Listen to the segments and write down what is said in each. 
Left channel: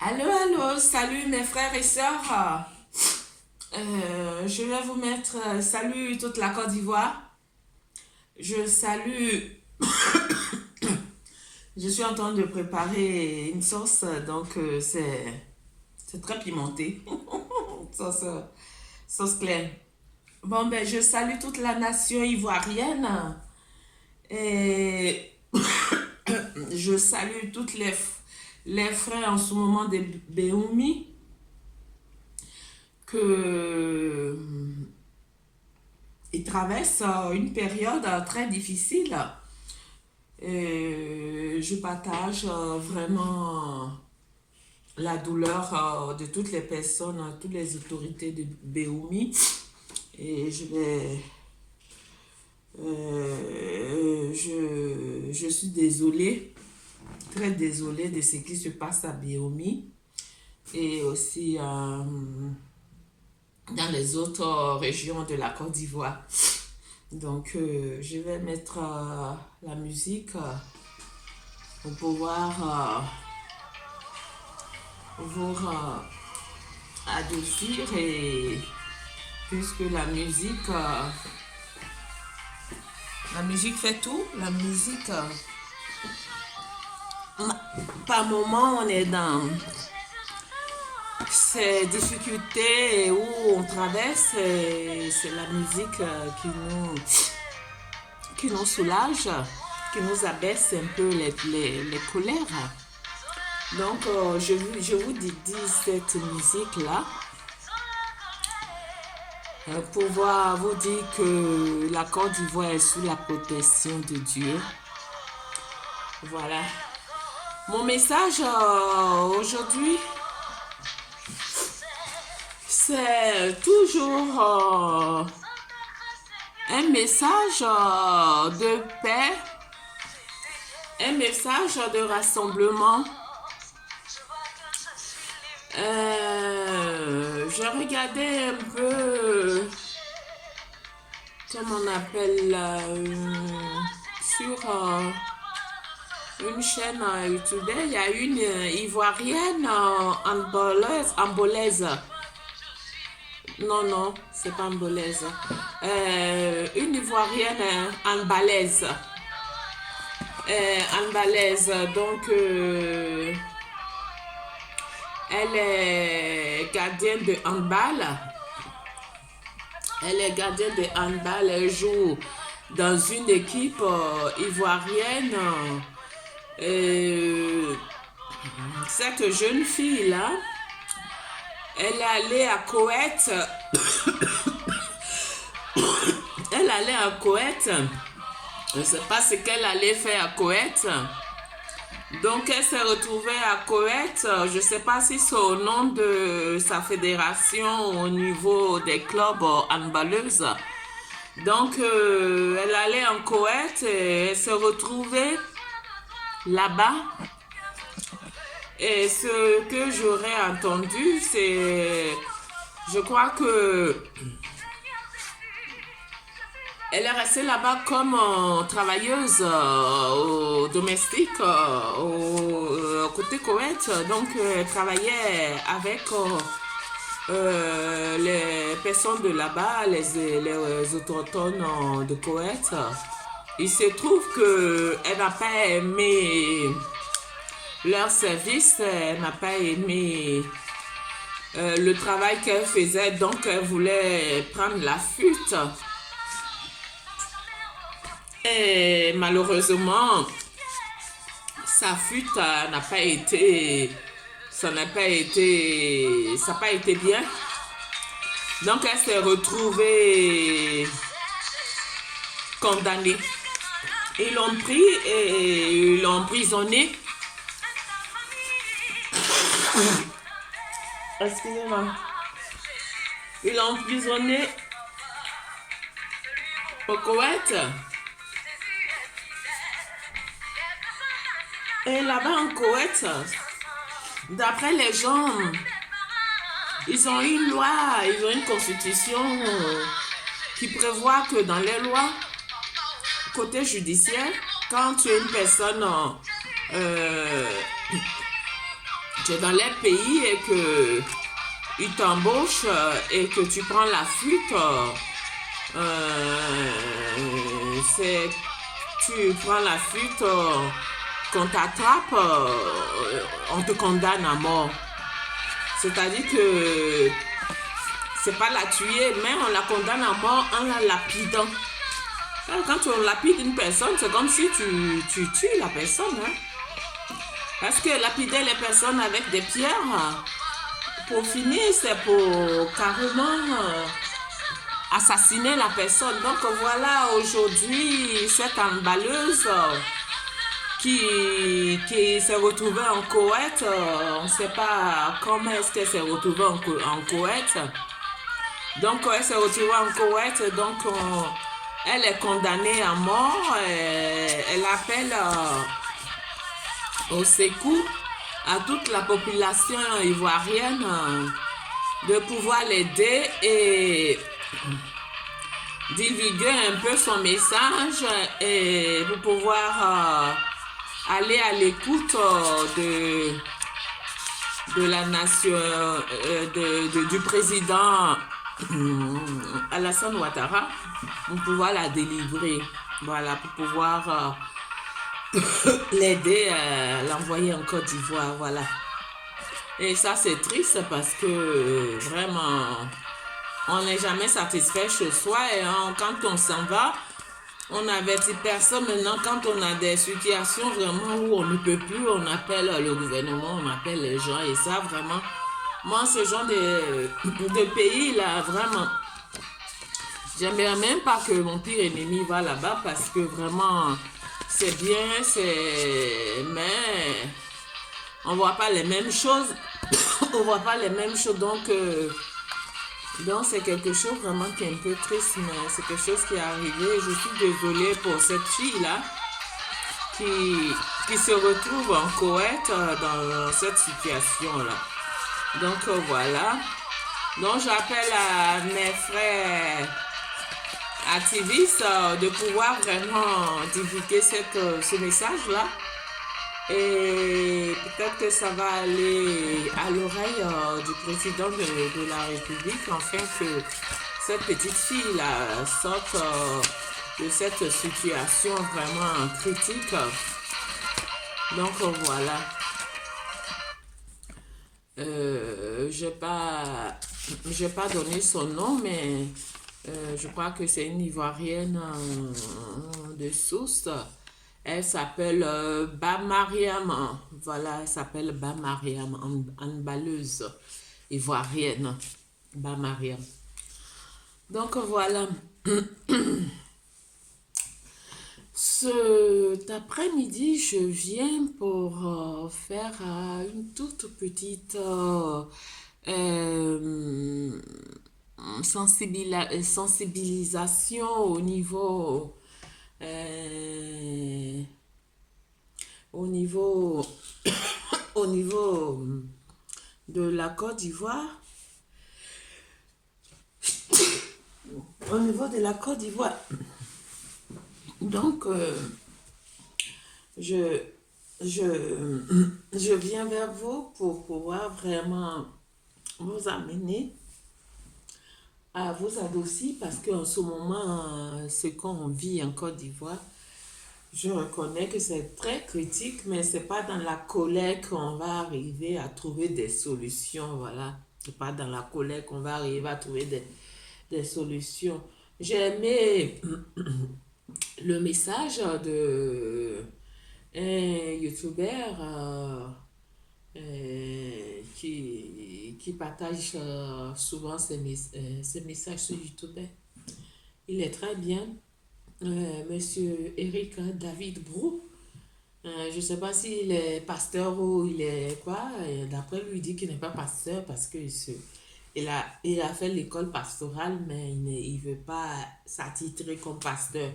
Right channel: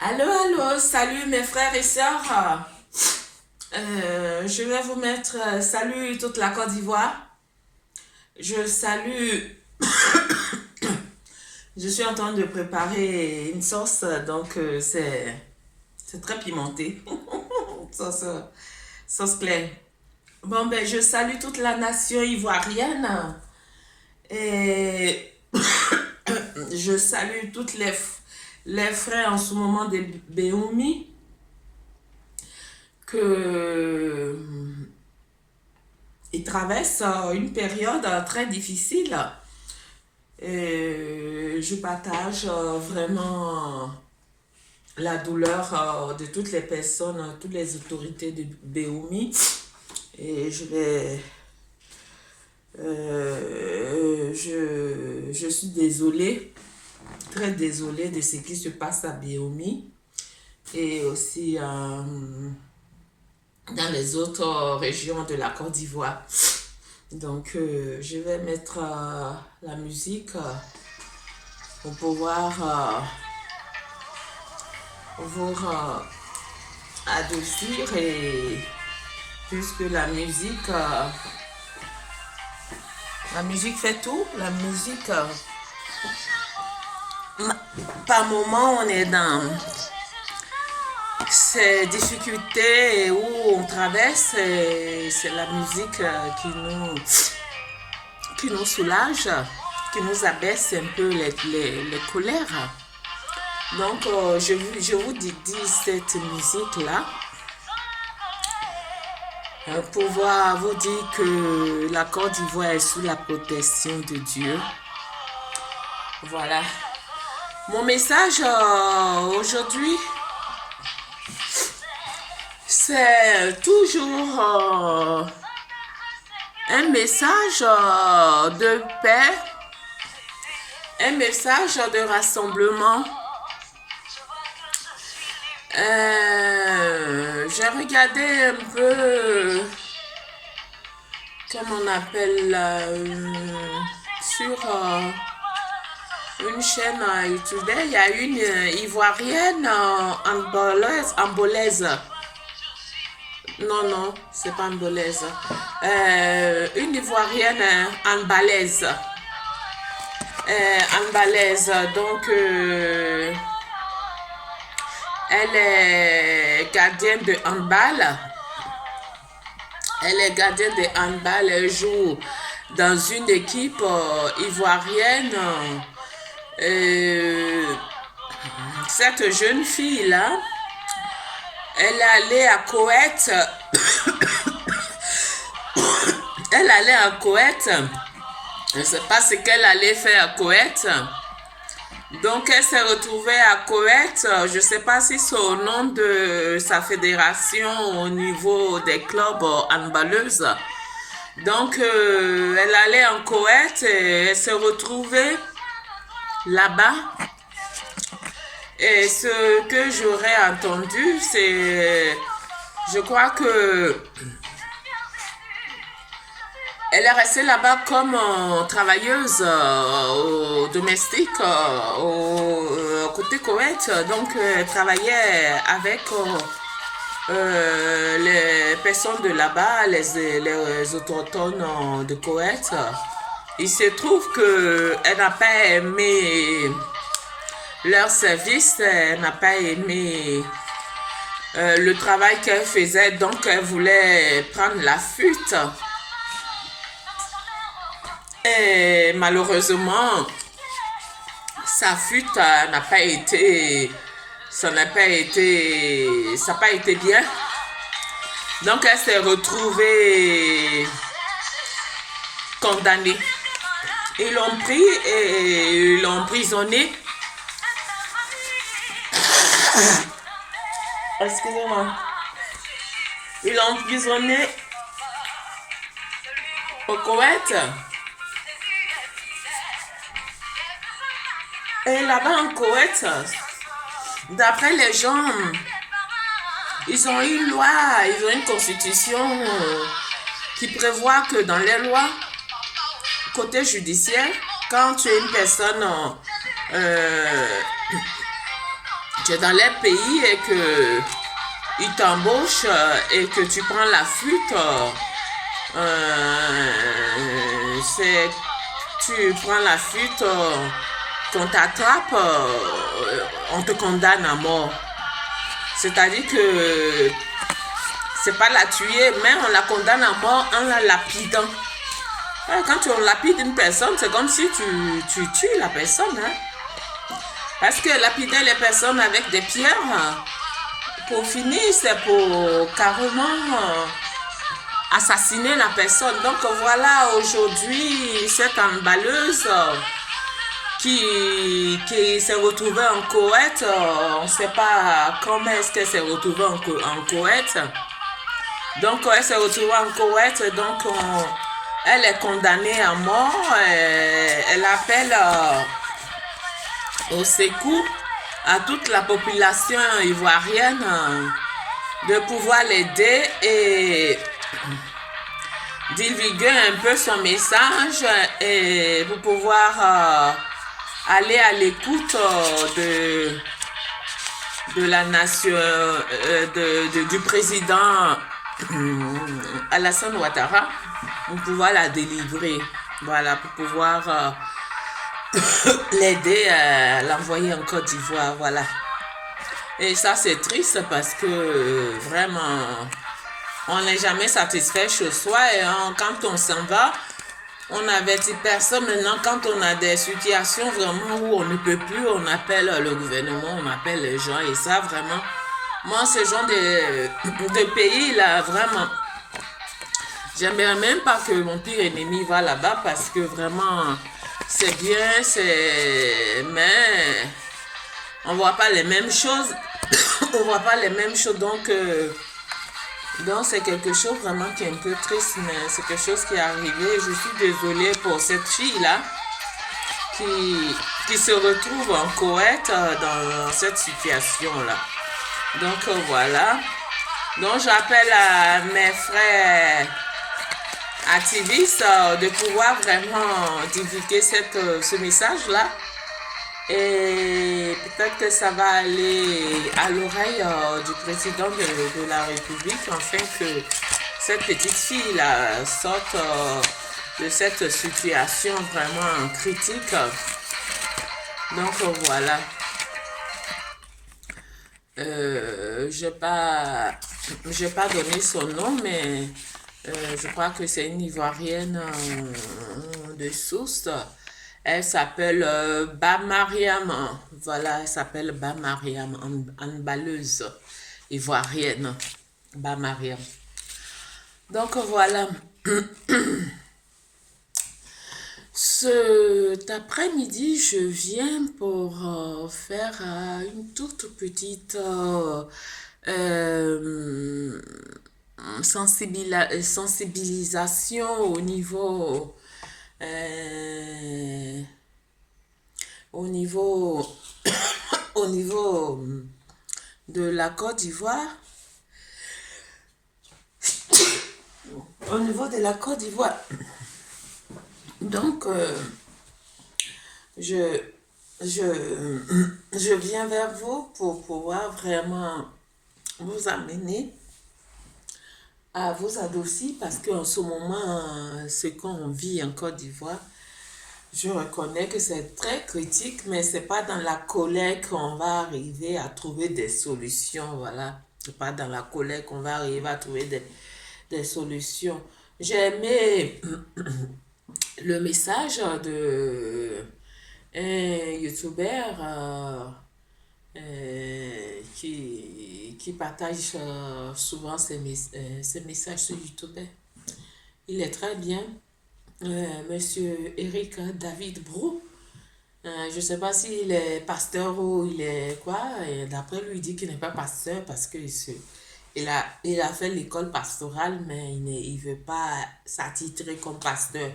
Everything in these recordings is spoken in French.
Allô, allô, salut mes frères et sœurs. Je vais vous mettre salut toute la Côte d'Ivoire. Je salue, je suis en train de préparer une sauce, donc c'est très pimenté. sauce, sauce claire. Bon, ben, je salue toute la nation ivoirienne et je salue toutes les frères en ce moment de Béoumi que ils traversent une période très difficile. Et je partage vraiment la douleur de toutes les personnes, toutes les autorités de Béoumi. Et je suis désolée, très désolée de ce qui se passe à Béoumi et aussi dans les autres régions de la Côte d'Ivoire. Donc, je vais mettre la musique pour pouvoir vous adoucir et puisque la musique fait tout, la musique, par moment on est dans ces difficultés où on traverse, c'est la musique qui nous soulage, qui nous abaisse un peu les colères. Donc, je vous dis cette musique-là pour vous dire que la Côte d'Ivoire est sous la protection de Dieu. Voilà. Mon message aujourd'hui, c'est toujours un message de paix, un message de rassemblement. J'ai regardé un peu, comment on appelle, sur une chaîne YouTube, il y a une Ivoirienne ambolaise. Non, c'est pas ambolaise. Une Ivoirienne ambalaise. Donc elle est gardienne de handball. Elle joue dans une équipe ivoirienne. Cette jeune fille-là, elle est allée à Koweït. Elle allait à Koweït. Je ne sais pas ce qu'elle allait faire à Koweït. Donc, elle s'est retrouvée à Koweït. Je ne sais pas si c'est au nom de sa fédération au niveau des clubs handballeuses. Donc, elle allait en Koweït et elle s'est retrouvée là-bas. Et ce que j'aurais entendu, c'est... Je crois que... Elle est restée là-bas comme travailleuse au domestique au côté Koweït. Donc, elle travaillait avec les personnes de là-bas, les autochtones de Koweït. Il se trouve qu'elle n'a pas aimé leur service, elle n'a pas aimé le travail qu'elle faisait. Donc, elle voulait prendre la fuite. Et malheureusement, sa fuite n'a pas été, ça n'a pas été bien. Donc, elle s'est retrouvée condamnée. Ils l'ont pris et ils l'ont emprisonnée. Excusez-moi. Ils l'ont emprisonnée au Koweït. Et là-bas en Koweït, d'après les gens, ils ont une loi, ils ont une constitution qui prévoit que dans les lois, côté judiciaire, quand tu es une personne tu es dans les pays et que ils t'embauchent et que tu prends la fuite, c'est tu prends la fuite, qu'on t'attrape, on te condamne à mort. C'est-à-dire que c'est pas la tuer, mais on la condamne à mort en la lapidant. Quand tu lapides une personne, c'est comme si tu tues la personne. Hein? Parce que lapider les personnes avec des pierres, pour finir, c'est pour carrément assassiner la personne. Donc voilà, aujourd'hui, cette emballeuse qui s'est retrouvée en Koweït, on ne sait pas comment est-ce qu'elle s'est retrouvée en Koweït. Donc elle s'est retrouvée en Koweït, donc elle est condamnée à mort. Elle appelle au secours à toute la population ivoirienne de pouvoir l'aider et divulguer un peu son message et pour pouvoir aller à l'écoute de la nation, du président Alassane Ouattara, pour pouvoir la délivrer, voilà, pour pouvoir l'aider à l'envoyer en Côte d'Ivoire, voilà. Et ça, c'est triste parce que vraiment, on n'est jamais satisfait chez soi et quand on s'en va, on n'avertit personne. Maintenant, quand on a des situations vraiment où on ne peut plus, on appelle le gouvernement, on appelle les gens et ça, vraiment, moi, ce genre de pays, là, vraiment, j'aimerais même pas que mon pire ennemi va là-bas parce que vraiment, c'est bien, mais on voit pas les mêmes choses. On voit pas les mêmes choses, donc c'est quelque chose vraiment qui est un peu triste, mais c'est quelque chose qui est arrivé. Je suis désolée pour cette fille-là qui se retrouve en Koweït dans cette situation-là. Donc voilà. Donc j'appelle à mes frères activistes de pouvoir vraiment divulguer ce message-là. Et peut-être que ça va aller à l'oreille du président de la République afin que cette petite fille-là sorte de cette situation vraiment critique. Donc voilà. Je n'ai pas donné son nom, mais je crois que c'est une Ivoirienne de source. Elle s'appelle Bamariam. Voilà, elle s'appelle Bamariam, emballeuse ivoirienne. Bamariam. Donc voilà. Cet après-midi, je viens pour faire une toute petite sensibilisation au niveau au niveau au niveau de la Côte d'Ivoire. Au niveau de la Côte d'Ivoire. Donc, je viens vers vous pour pouvoir vraiment vous amener à vous adoucir parce qu'en ce moment, ce qu'on vit en Côte d'Ivoire, je reconnais que c'est très critique, mais c'est pas dans la colère qu'on va arriver à trouver des solutions, voilà. C'est pas dans la colère qu'on va arriver à trouver des solutions. J'ai aimé le message de un youtubeur qui partage souvent ses messages sur YouTube. Il est très bien. Monsieur Eric David Brou. Je ne sais pas s'il est pasteur ou il est quoi. Et d'après lui, il dit qu'il n'est pas pasteur parce qu'il a fait l'école pastorale, mais il ne veut pas s'attitrer comme pasteur.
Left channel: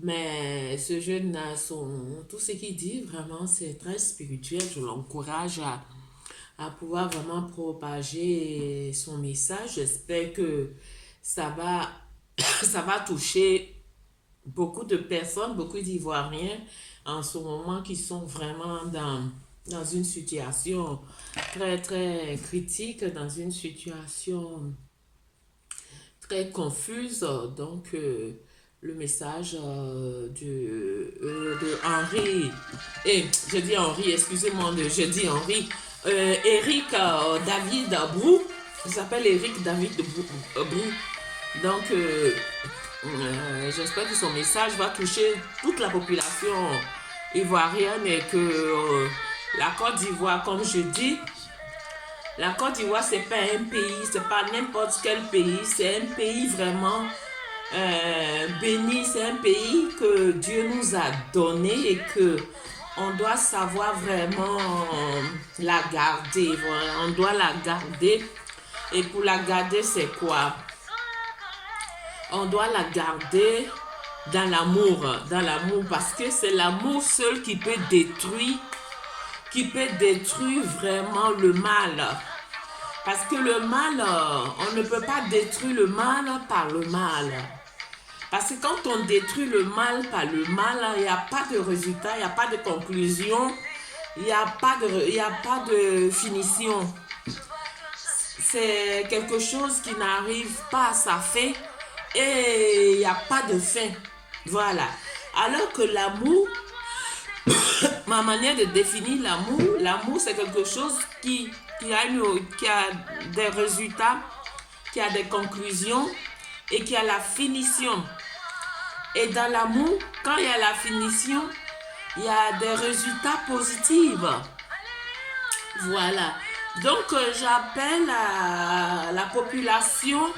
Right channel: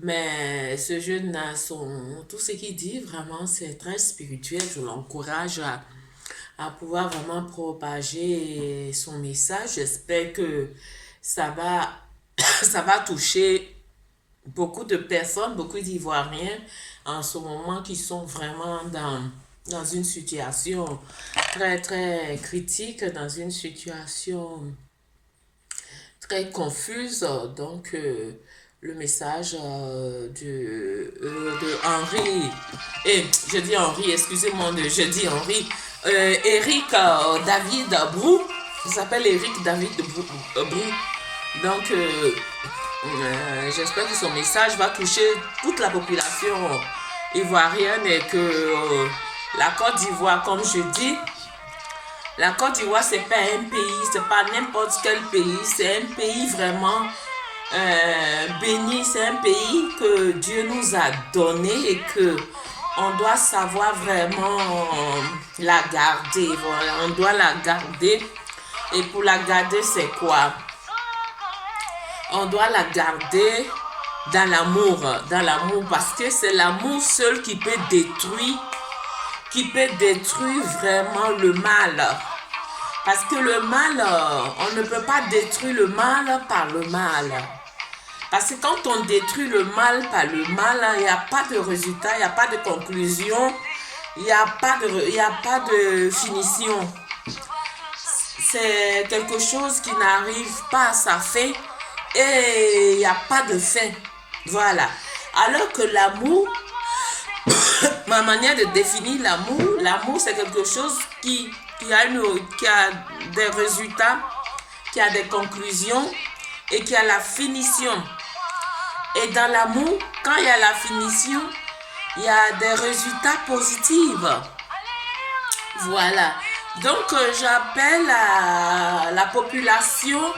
Mais ce jeune a tout ce qu'il dit, vraiment, c'est très spirituel. Je l'encourage à pouvoir vraiment propager son message. J'espère que ça va, ça va toucher beaucoup de personnes, beaucoup d'Ivoiriens en ce moment qui sont vraiment dans une situation très, très critique, dans une situation très confuse. Donc, le message de Henri, et je dis Henri, excusez-moi, je dis Henri, Eric David Brou, il s'appelle Eric David Brou. Donc, j'espère que son message va toucher toute la population ivoirienne et que la Côte d'Ivoire, comme je dis, la Côte d'Ivoire, c'est pas un pays, c'est pas n'importe quel pays, c'est un pays vraiment béni, c'est un pays que Dieu nous a donné et que on doit savoir vraiment la garder. Voilà, on doit la garder. Et pour la garder, c'est quoi? On doit la garder dans l'amour, parce que c'est l'amour seul qui peut détruire vraiment le mal. Parce que le mal, on ne peut pas détruire le mal par le mal. Parce que quand on détruit le mal par le mal, il n'y a pas de résultat, il n'y a pas de conclusion, il n'y a pas de finition. C'est quelque chose qui n'arrive pas à sa fin et il n'y a pas de fin. Voilà. Alors que l'amour, ma manière de définir l'amour c'est quelque chose qui a des résultats, qui a des conclusions et qui a la finition. Et dans l'amour, quand il y a la finition, il y a des résultats positifs. Voilà. Donc, j'appelle la population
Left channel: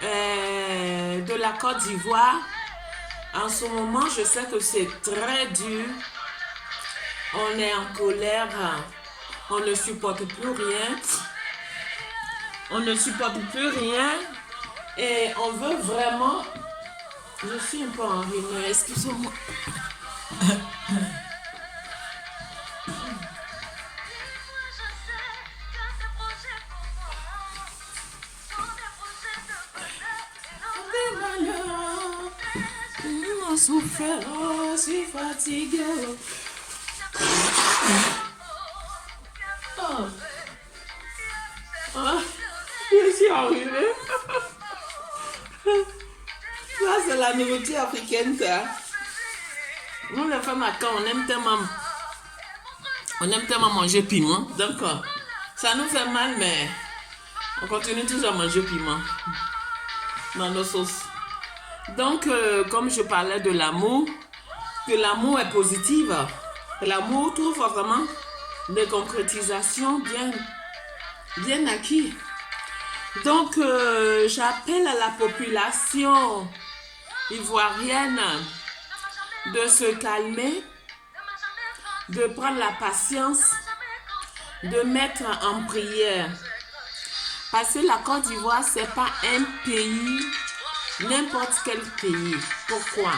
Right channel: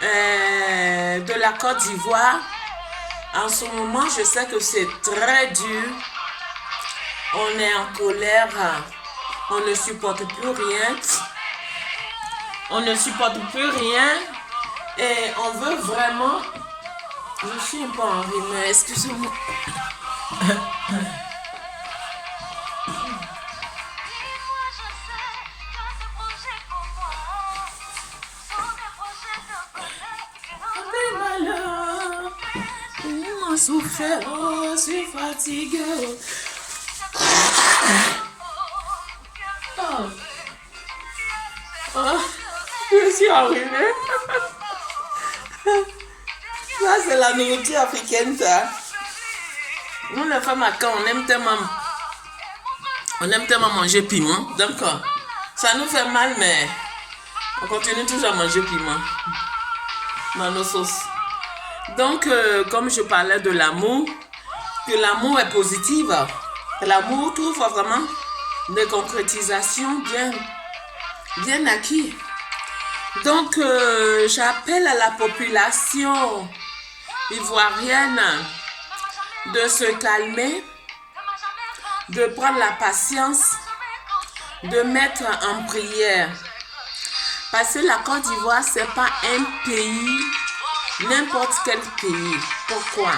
de la Côte d'Ivoire. En ce moment, je sais que c'est très dur. On est en colère. On ne supporte plus rien. On ne supporte plus rien. Et on veut vraiment... Je suis un peu enrhumée, excusez-moi. Souffert, je suis fatiguée. Oh. Oh. Je suis enrhumée. Ça, c'est la nourriture africaine, ça. Nous, les femmes, quand on aime tellement manger piment. Donc, ça nous fait mal, mais on continue toujours à manger piment dans nos sauces. Donc, comme je parlais de l'amour, que l'amour est positif, l'amour trouve vraiment des concrétisations bien acquises. Donc, j'appelle à la population ivoirienne de se calmer, de prendre la patience, de mettre en prière. Parce que la Côte d'Ivoire, ce n'est pas un pays, n'importe quel pays. Pourquoi?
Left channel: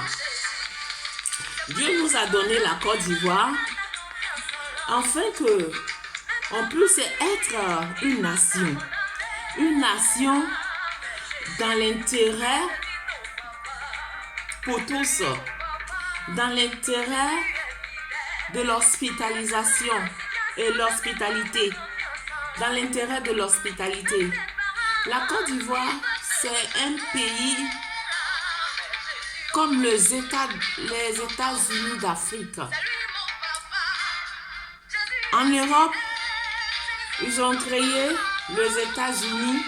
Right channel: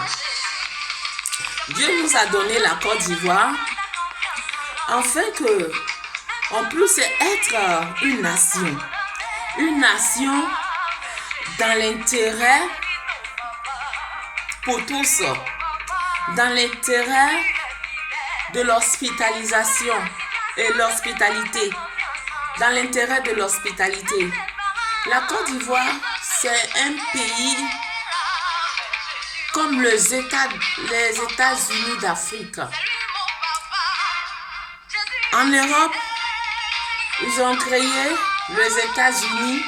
Dieu nous a donné la Côte d'Ivoire afin qu'on puisse être une nation. Une nation dans l'intérêt pour tous, dans l'intérêt de l'hospitalisation et l'hospitalité, dans l'intérêt de l'hospitalité. La Côte d'Ivoire, c'est un pays comme les États-Unis d'Afrique. En Europe, ils ont créé les États-Unis.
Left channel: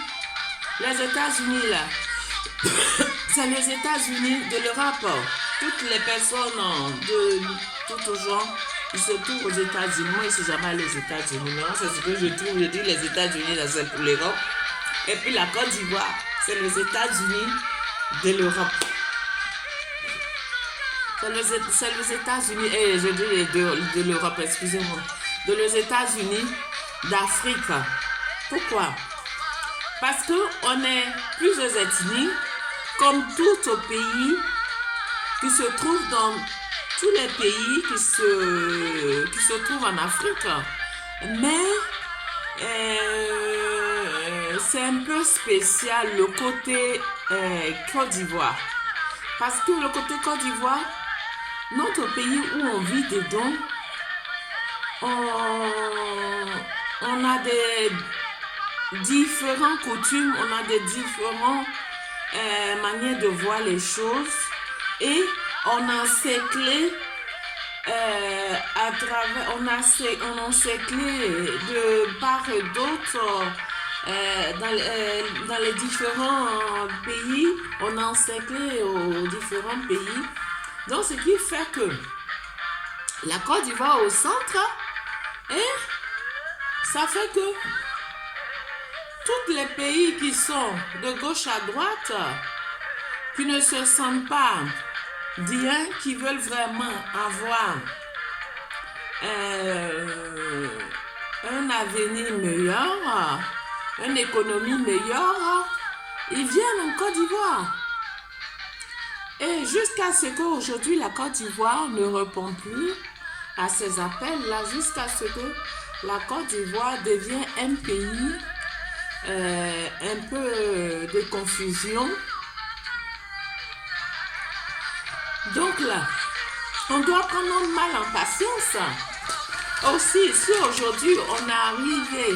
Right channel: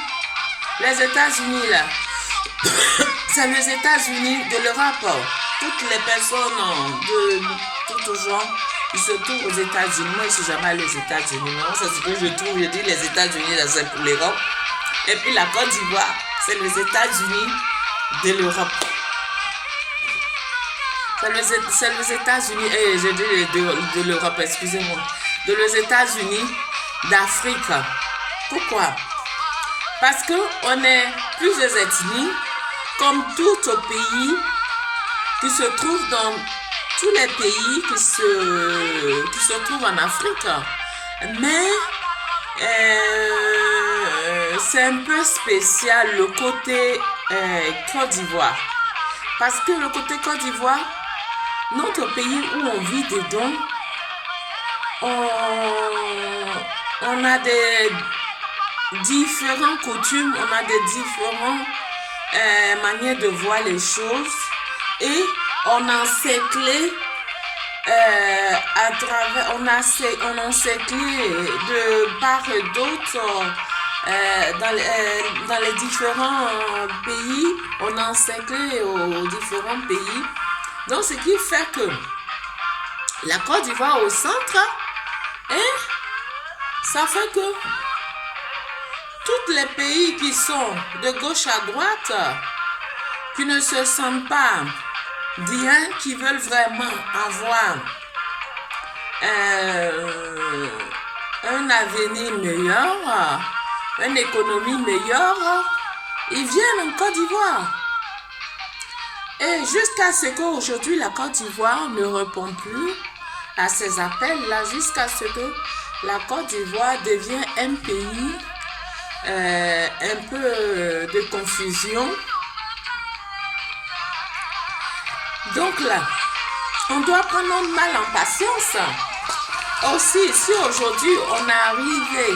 Les États-Unis, là, c'est les États-Unis de l'Europe. Toutes les personnes de tout genre, ils se trouvent aux États-Unis. Moi, je ne suis jamais allé aux États-Unis. Non, c'est ce que je trouve. Je dis les États-Unis, c'est pour l'Europe. Et puis la Côte d'Ivoire, c'est les États-Unis de l'Europe. C'est les États-Unis, je dis de l'Europe, excusez-moi. De les États-Unis d'Afrique. Pourquoi? Parce qu'on est plusieurs ethnies, comme tout pays, qui se trouvent dans tous les pays qui se trouvent en Afrique. Mais c'est un peu spécial le côté Côte d'Ivoire. Parce que le côté Côte d'Ivoire, notre pays où on vit dedans, on a des différentes coutumes, on a des différentes manières de voir les choses et on encerclé à travers, on encerclé de part et d'autre dans les différents pays, on a encerclé aux différents pays. Donc, ce qui fait que la Côte d'Ivoire au centre, et ça fait que tous les pays qui sont de gauche à droite, qui ne se sentent pas bien, qui veulent vraiment avoir un avenir meilleur, une économie meilleure, ils viennent en Côte d'Ivoire. Et jusqu'à ce qu'aujourd'hui la Côte d'Ivoire ne répond plus à ces appels-là, jusqu'à ce que la Côte d'Ivoire devienne un pays un peu de confusion. Donc là, on doit prendre notre mal en patience. Aussi, si aujourd'hui on est arrivé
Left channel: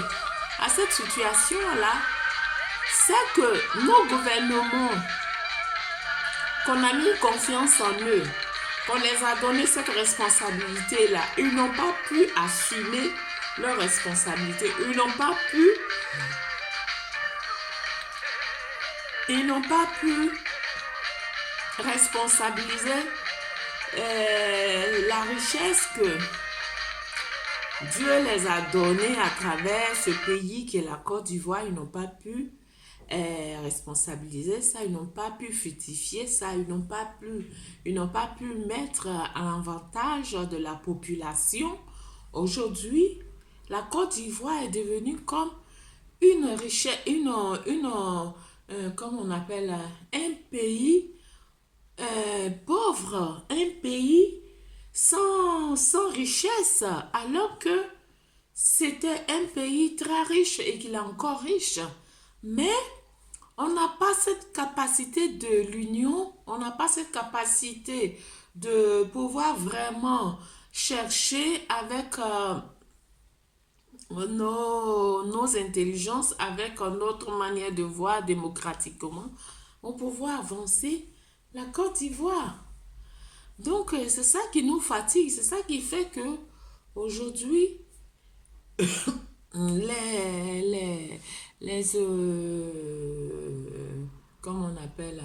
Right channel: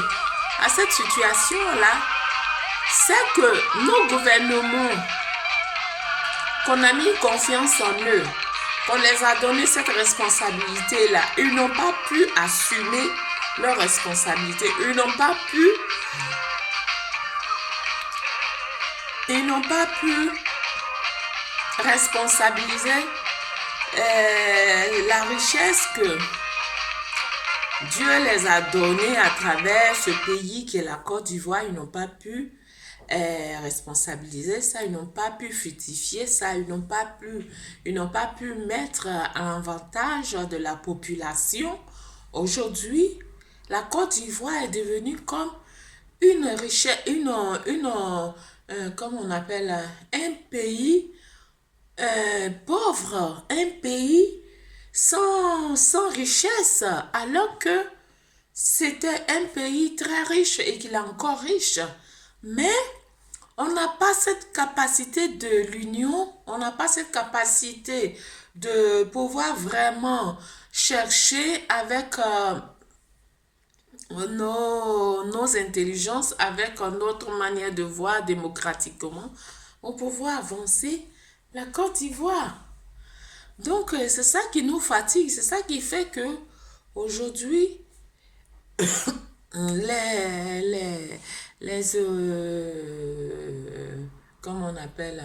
à cette situation-là, c'est que nos gouvernements, qu'on a mis confiance en eux, qu'on les a donné cette responsabilité-là, ils n'ont pas pu assumer leur responsabilité. Ils n'ont pas pu responsabiliser la richesse que Dieu les a donnée à travers ce pays qui est la Côte d'Ivoire. Ils n'ont pas pu responsabiliser ça, ils n'ont pas pu fructifier ça, ils n'ont pas pu mettre à l'avantage de la population. Aujourd'hui, la Côte d'Ivoire est devenue comme une richesse, comme on appelle, un pays pauvre, un pays sans richesse, alors que c'était un pays très riche et qu'il est encore riche. Mais on n'a pas cette capacité de l'union, on n'a pas cette capacité de pouvoir vraiment chercher avec nos intelligences, avec notre manière de voir démocratiquement, pour pouvoir avancer la Côte d'Ivoire. Donc, c'est ça qui nous fatigue, c'est ça qui fait que aujourd'hui, comment on appelle,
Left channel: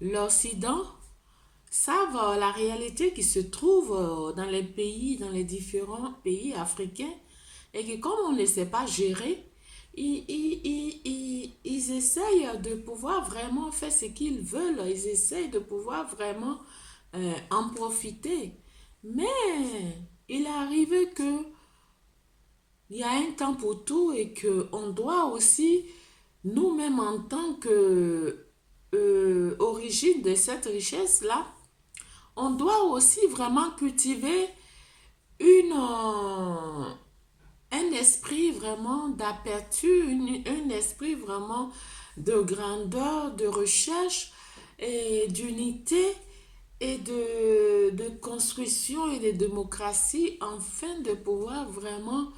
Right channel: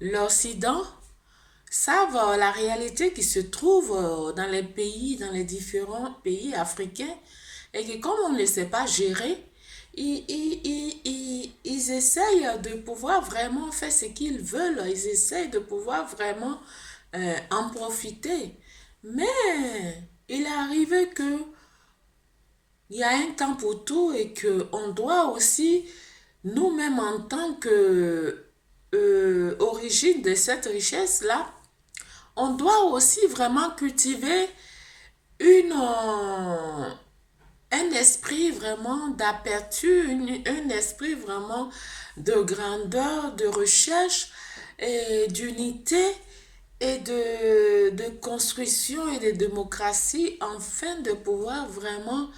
l'Occident savent la réalité qui se trouve dans les pays, dans les différents pays africains, et que comme on ne les sait pas gérer, ils essayent de pouvoir vraiment faire ce qu'ils veulent, ils essayent de pouvoir vraiment en profiter. Mais il est arrivé que il y a un temps pour tout et qu'on doit aussi, nous-mêmes en tant que origine de cette richesse-là, on doit aussi vraiment cultiver un esprit vraiment d'aperture, un esprit vraiment de grandeur, de recherche et d'unité et de construction et de démocratie afin de pouvoir vraiment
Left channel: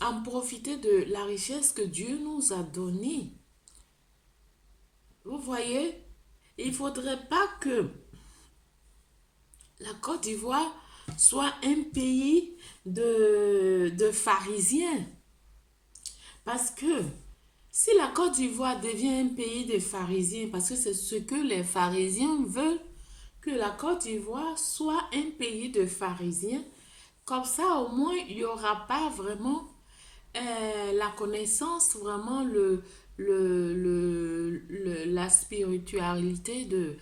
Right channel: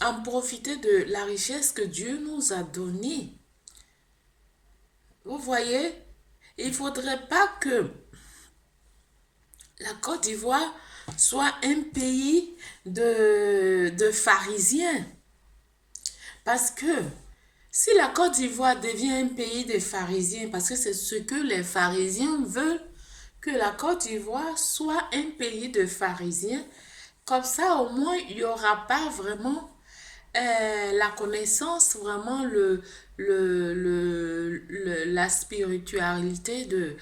en profiter de la richesse que Dieu nous a donnée. Vous voyez, il ne faudrait pas que la Côte d'Ivoire soit un pays de pharisiens. Parce que si la Côte d'Ivoire devient un pays de pharisiens, parce que c'est ce que les pharisiens veulent, que la Côte d'Ivoire soit un pays de pharisiens, comme ça au moins il n'y aura pas vraiment la connaissance, vraiment la spiritualité de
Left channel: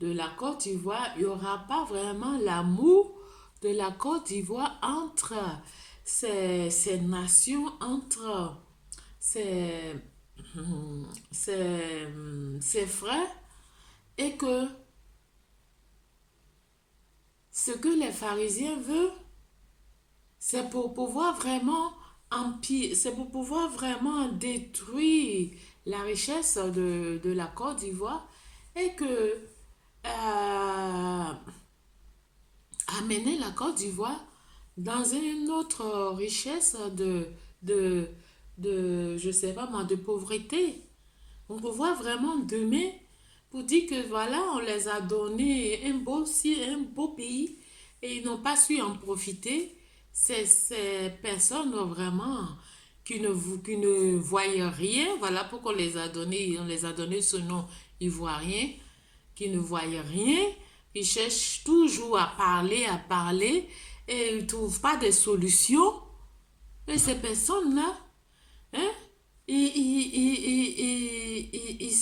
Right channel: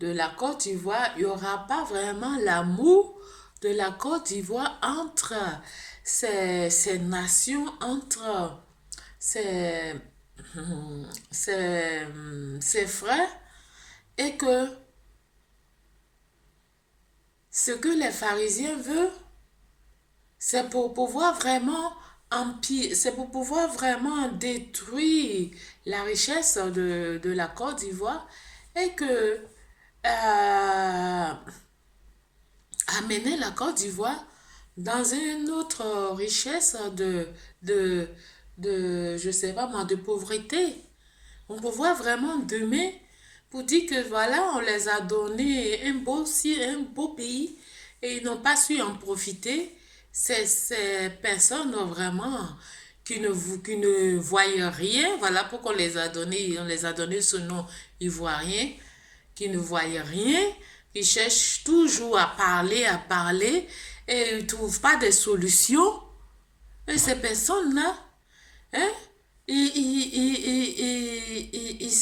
la Côte d'Ivoire. Il n'y aura pas vraiment l'amour de la Côte d'Ivoire entre ces nations, entre ces frères, et que ce que les pharisiens veulent, c'est pour pouvoir vraiment c'est pour pouvoir vraiment détruire la richesse de la Côte d'Ivoire et que amener la Côte d'Ivoire dans une autre richesse de, je sais pas moi, de pauvreté. On peut voir vraiment demain pour dire que voilà, on les a donné un beau pays et ils n'ont pas su en profiter. Ces personnes vraiment qui ne voient rien, voilà pourquoi on les a donné ce nom ivoirien, qui ne voient rien, qui cherchent toujours à parler et ils ne trouvent pas de solution. Et ces personnes-là, hein, ils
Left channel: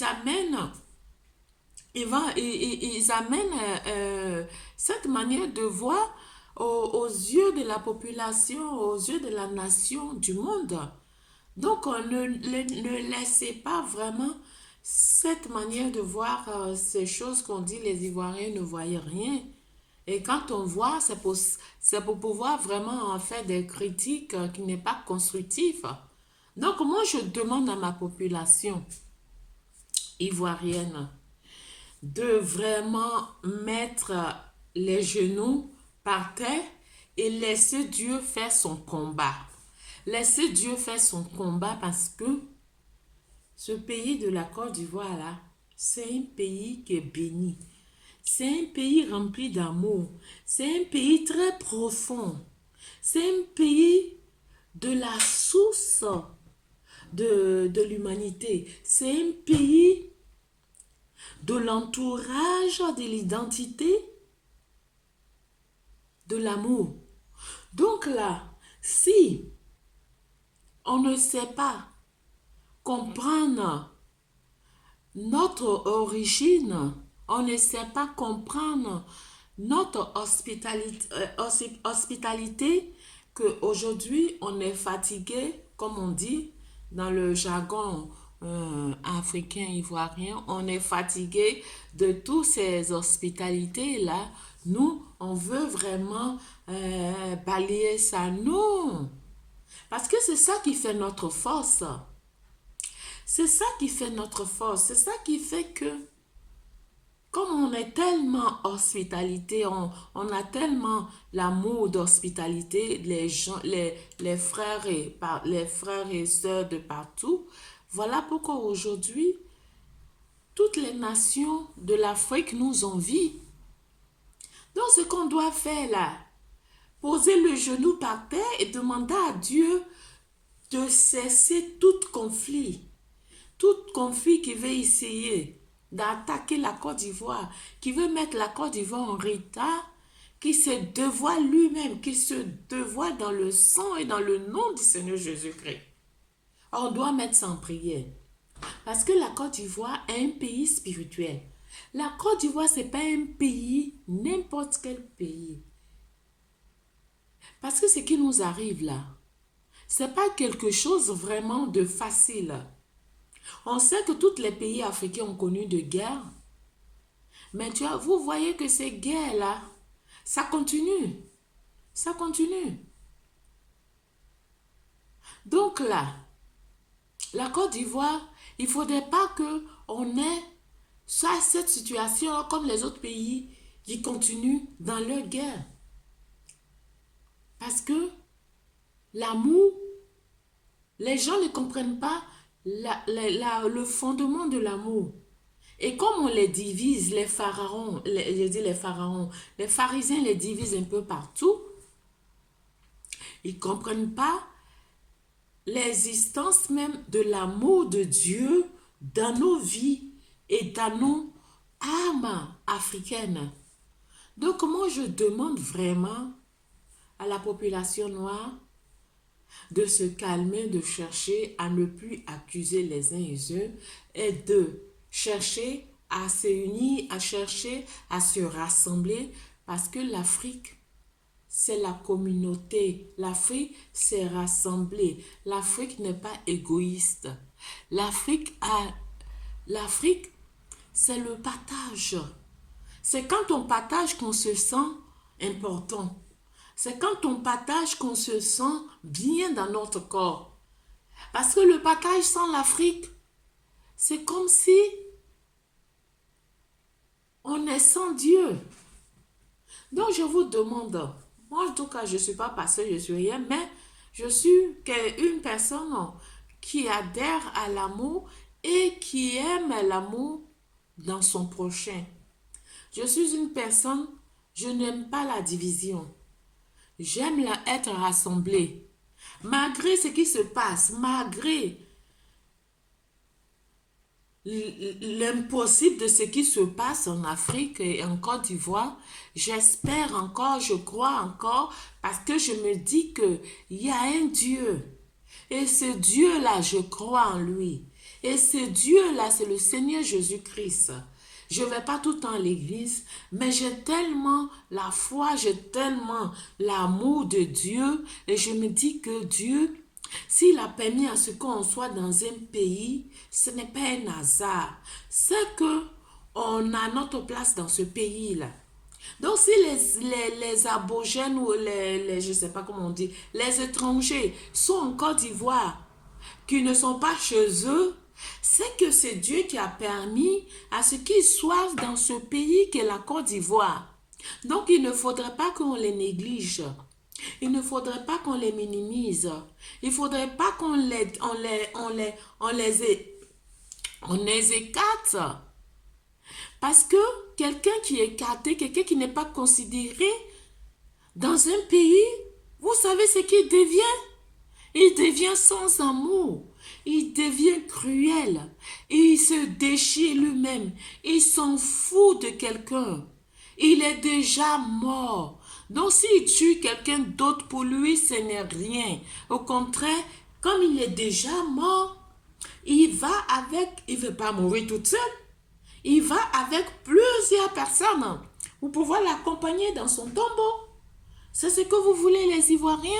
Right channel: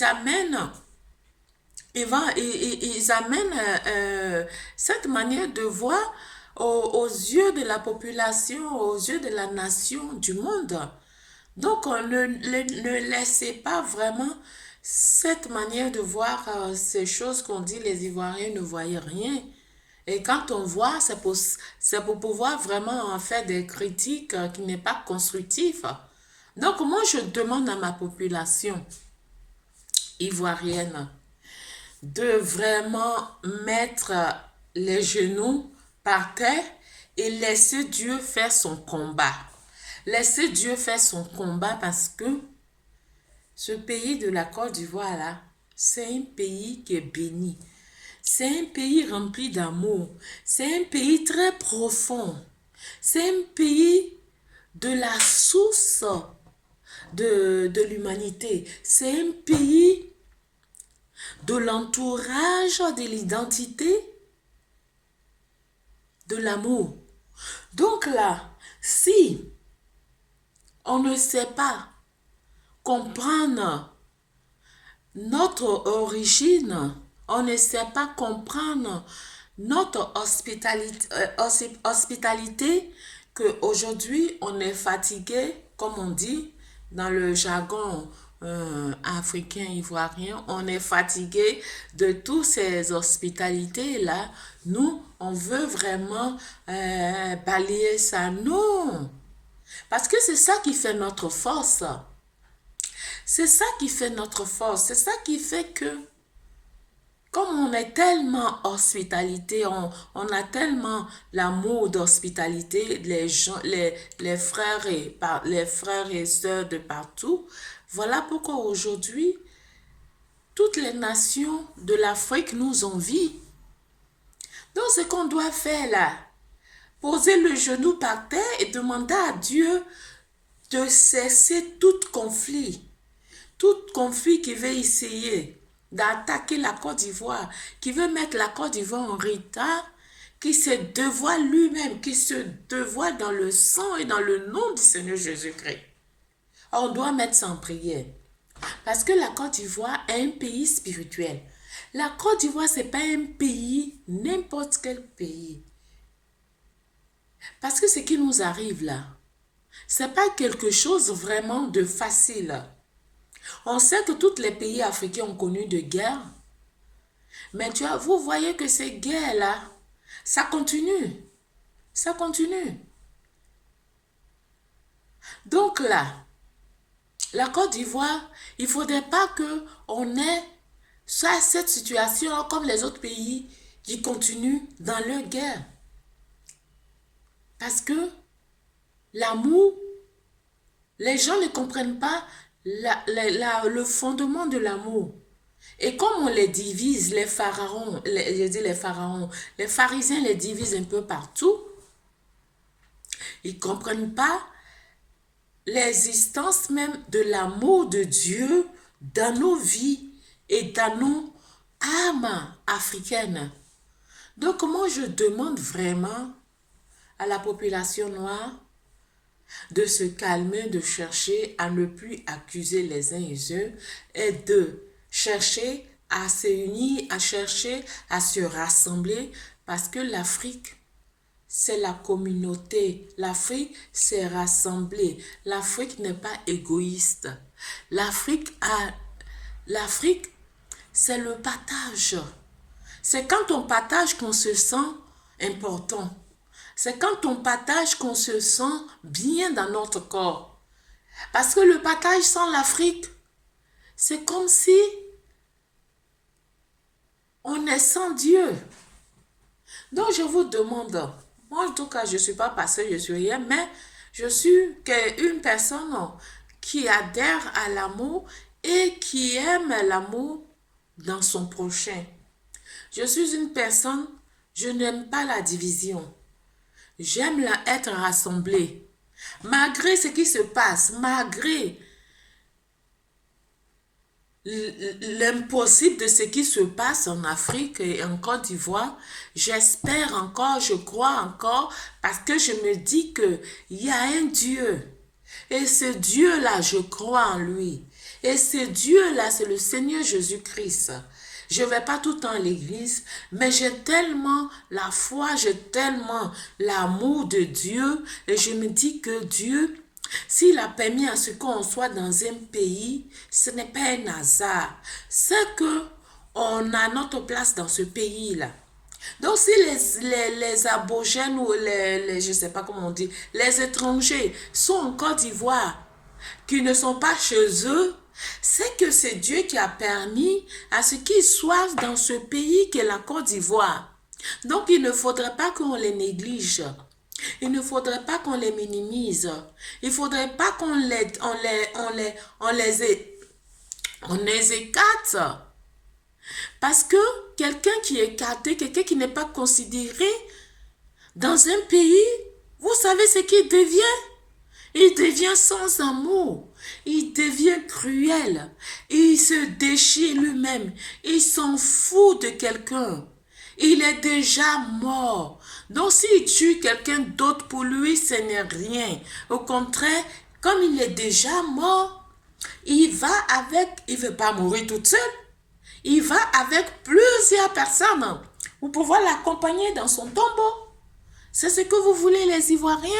amènent, ils amènent cette manière de voir aux yeux de la population, aux yeux de la nation, du monde. Donc, ne laissez pas vraiment cette manière de voir ces choses qu'on dit les Ivoiriens ne voyaient rien. Et quand on voit, c'est pour pouvoir vraiment en faire des critiques qui n'est pas constructives. Donc, moi, je demande à ma population ivoirienne de vraiment mettre les genoux par terre et laisser Dieu faire son combat. Laisser Dieu faire son combat parce que ce pays de la Côte d'Ivoire là, c'est un pays qui est béni. C'est un pays rempli d'amour. C'est un pays très profond. C'est un pays de la source de l'humanité. C'est un pays de l'entourage, de l'identité, de l'amour. Donc là, si on ne sait pas comprendre notre origine, on ne sait pas comprendre notre hospitalité qu'aujourd'hui on est fatigué, comme on dit dans le jargon africain, ivoirien, on est fatigué de toutes ces hospitalités-là. Nous, on veut vraiment balayer ça. Non, parce que c'est ça qui fait notre force. C'est ça qui fait notre force. C'est ça qui fait que, comme on est tellement hospitalité, on a tellement l'amour d'hospitalité, les gens, les frères et sœurs de partout. Voilà pourquoi aujourd'hui, toutes les nations de l'Afrique nous envient. Donc, ce qu'on doit faire là, poser le genou par terre et demander à Dieu de cesser tout conflit. Tout conflit qui veut essayer d'attaquer la Côte d'Ivoire, qui veut mettre la Côte d'Ivoire en retard, qui se dévoile lui-même, qui se dévoile dans le sang et dans le nom du Seigneur Jésus-Christ. On doit mettre ça en prière. Parce que la Côte d'Ivoire est un pays spirituel. La Côte d'Ivoire, ce n'est pas un pays, n'importe quel pays. Parce que ce qui nous arrive là, ce n'est pas quelque chose vraiment de facile. On sait que tous les pays africains ont connu de guerres. Mais vous voyez que ces guerres-là, ça continue. Ça continue. Donc là, la Côte d'Ivoire, il ne faudrait pas qu'on ait cette situation comme les autres pays qui continuent dans leur guerre. Parce que l'amour, les gens ne comprennent pas le fondement de l'amour. Et comme on les divise, les pharaons, les pharisiens les divisent un peu partout, ils ne comprennent pas l'existence même de l'amour de Dieu dans nos vies et dans nos âmes africaines. Donc moi je demande vraiment à la population noire de se calmer, de chercher à ne plus accuser les uns les autres et de chercher à se unir, à chercher à se rassembler parce que l'Afrique, c'est la communauté. L'Afrique s'est rassemblée. L'Afrique n'est pas égoïste. L'Afrique, c'est le partage. C'est quand on partage qu'on se sent important. C'est quand on partage qu'on se sent bien dans notre corps. Parce que le partage sans l'Afrique, c'est comme si on est sans Dieu. Donc je vous demande, Moi, en tout cas, je ne suis pas pasteur, je ne suis rien, mais je suis une personne qui adhère à l'amour et qui aime l'amour dans son prochain. Je suis une personne, je n'aime pas la division. J'aime être rassemblée. Malgré ce qui se passe, malgré l'impossible de ce qui se passe en Afrique et en Côte d'Ivoire, j'espère encore, je crois encore, parce que je me dis qu'il y a un Dieu. Et ce Dieu-là, je crois en lui. Et ce Dieu-là, c'est le Seigneur Jésus-Christ. Je ne vais pas tout le temps à l'église, mais j'ai tellement la foi, j'ai tellement l'amour de Dieu, et je me dis que Dieu, s'il a permis à ce qu'on soit dans un pays, ce n'est pas un hasard. C'est que on a notre place dans ce pays-là. Donc, si les abogènes ou je ne sais pas comment on dit, les étrangers sont en Côte d'Ivoire, qui ne sont pas chez eux, c'est que c'est Dieu qui a permis à ce qu'ils soient dans ce pays qu'est la Côte d'Ivoire. Donc, il ne faudrait pas qu'on les néglige. Il ne faudrait pas qu'on les minimise. Il ne faudrait pas qu'on les écarte. Parce que quelqu'un qui est écarté, quelqu'un qui n'est pas considéré dans un pays, vous savez ce qu'il devient? Il devient sans amour. Il devient cruel. Il se déchire lui-même. Il s'en fout de quelqu'un. Il est déjà mort. Donc s'il tue quelqu'un d'autre, pour lui, ce n'est rien. Au contraire, comme il est déjà mort, il ne veut pas mourir toute seule. Il va avec plusieurs personnes pour pouvoir l'accompagner dans son tombeau. C'est ce que vous voulez, les Ivoiriens?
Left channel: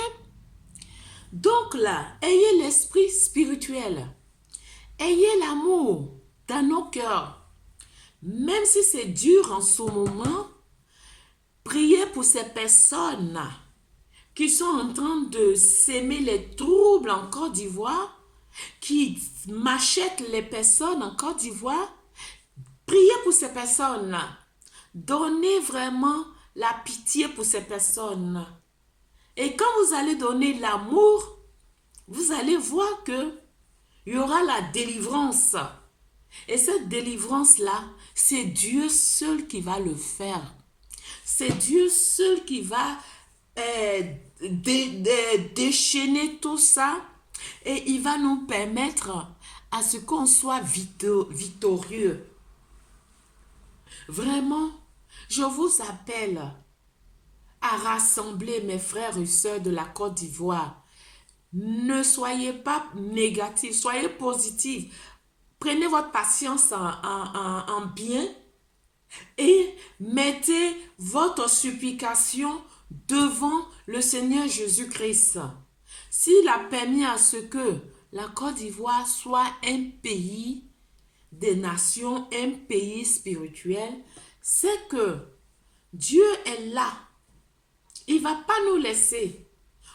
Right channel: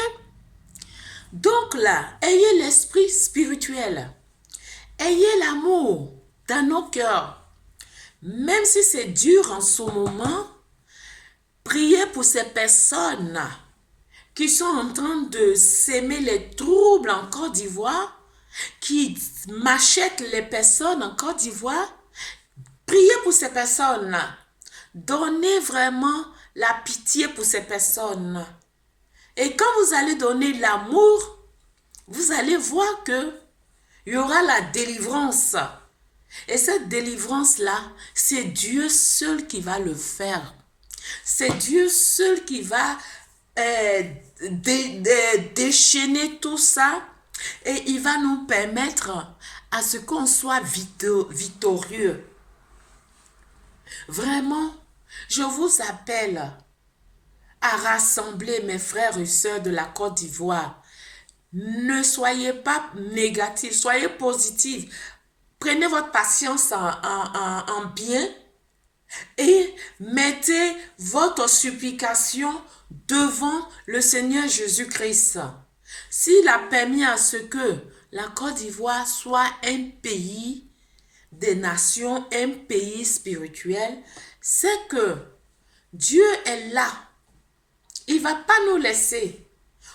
Donc là, ayez l'esprit spirituel. Ayez l'amour dans nos cœurs. Même si c'est dur en ce moment, priez pour ces personnes qui sont en train de s'aimer les troubles en Côte d'Ivoire, qui machetent les personnes en Côte d'Ivoire. Priez pour ces personnes-là. Donnez vraiment la pitié pour ces personnes. Et quand vous allez donner l'amour, vous allez voir que il y aura la délivrance. Et cette délivrance-là, c'est Dieu seul qui va le faire. C'est Dieu seul qui va déchaîner tout ça. Et il va nous permettre à ce qu'on soit victorieux. Vraiment, je vous appelle à rassembler mes frères et sœurs de la Côte d'Ivoire. Ne soyez pas négatifs, soyez positifs. Prenez votre patience en bien et mettez votre supplication devant le Seigneur Jésus-Christ. S'il a permis à ce que la Côte d'Ivoire soit un pays des nations, un pays spirituel, c'est que Dieu est là. Il ne va pas nous laisser.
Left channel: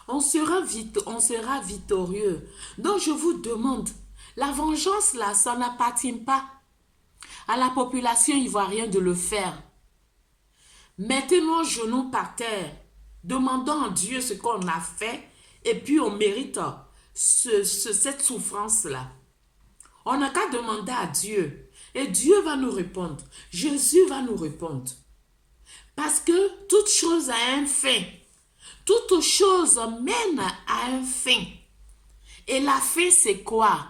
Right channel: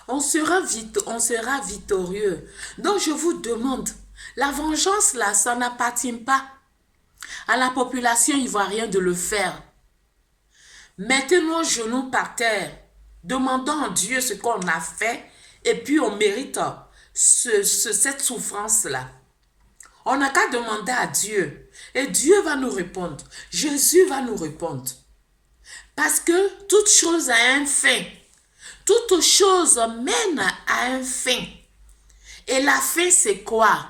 On sera victorieux. Donc je vous demande, la vengeance là, ça n'appartient pas à la population ivoirienne de le faire. Mettez nos genoux par terre. Demandons à Dieu ce qu'on a fait et puis on mérite cette souffrance-là. On n'a qu'à demander à Dieu et Dieu va nous répondre. Jésus va nous répondre. Parce que toute chose a un fin. Toute chose mène à un fin. Et la fin, c'est quoi?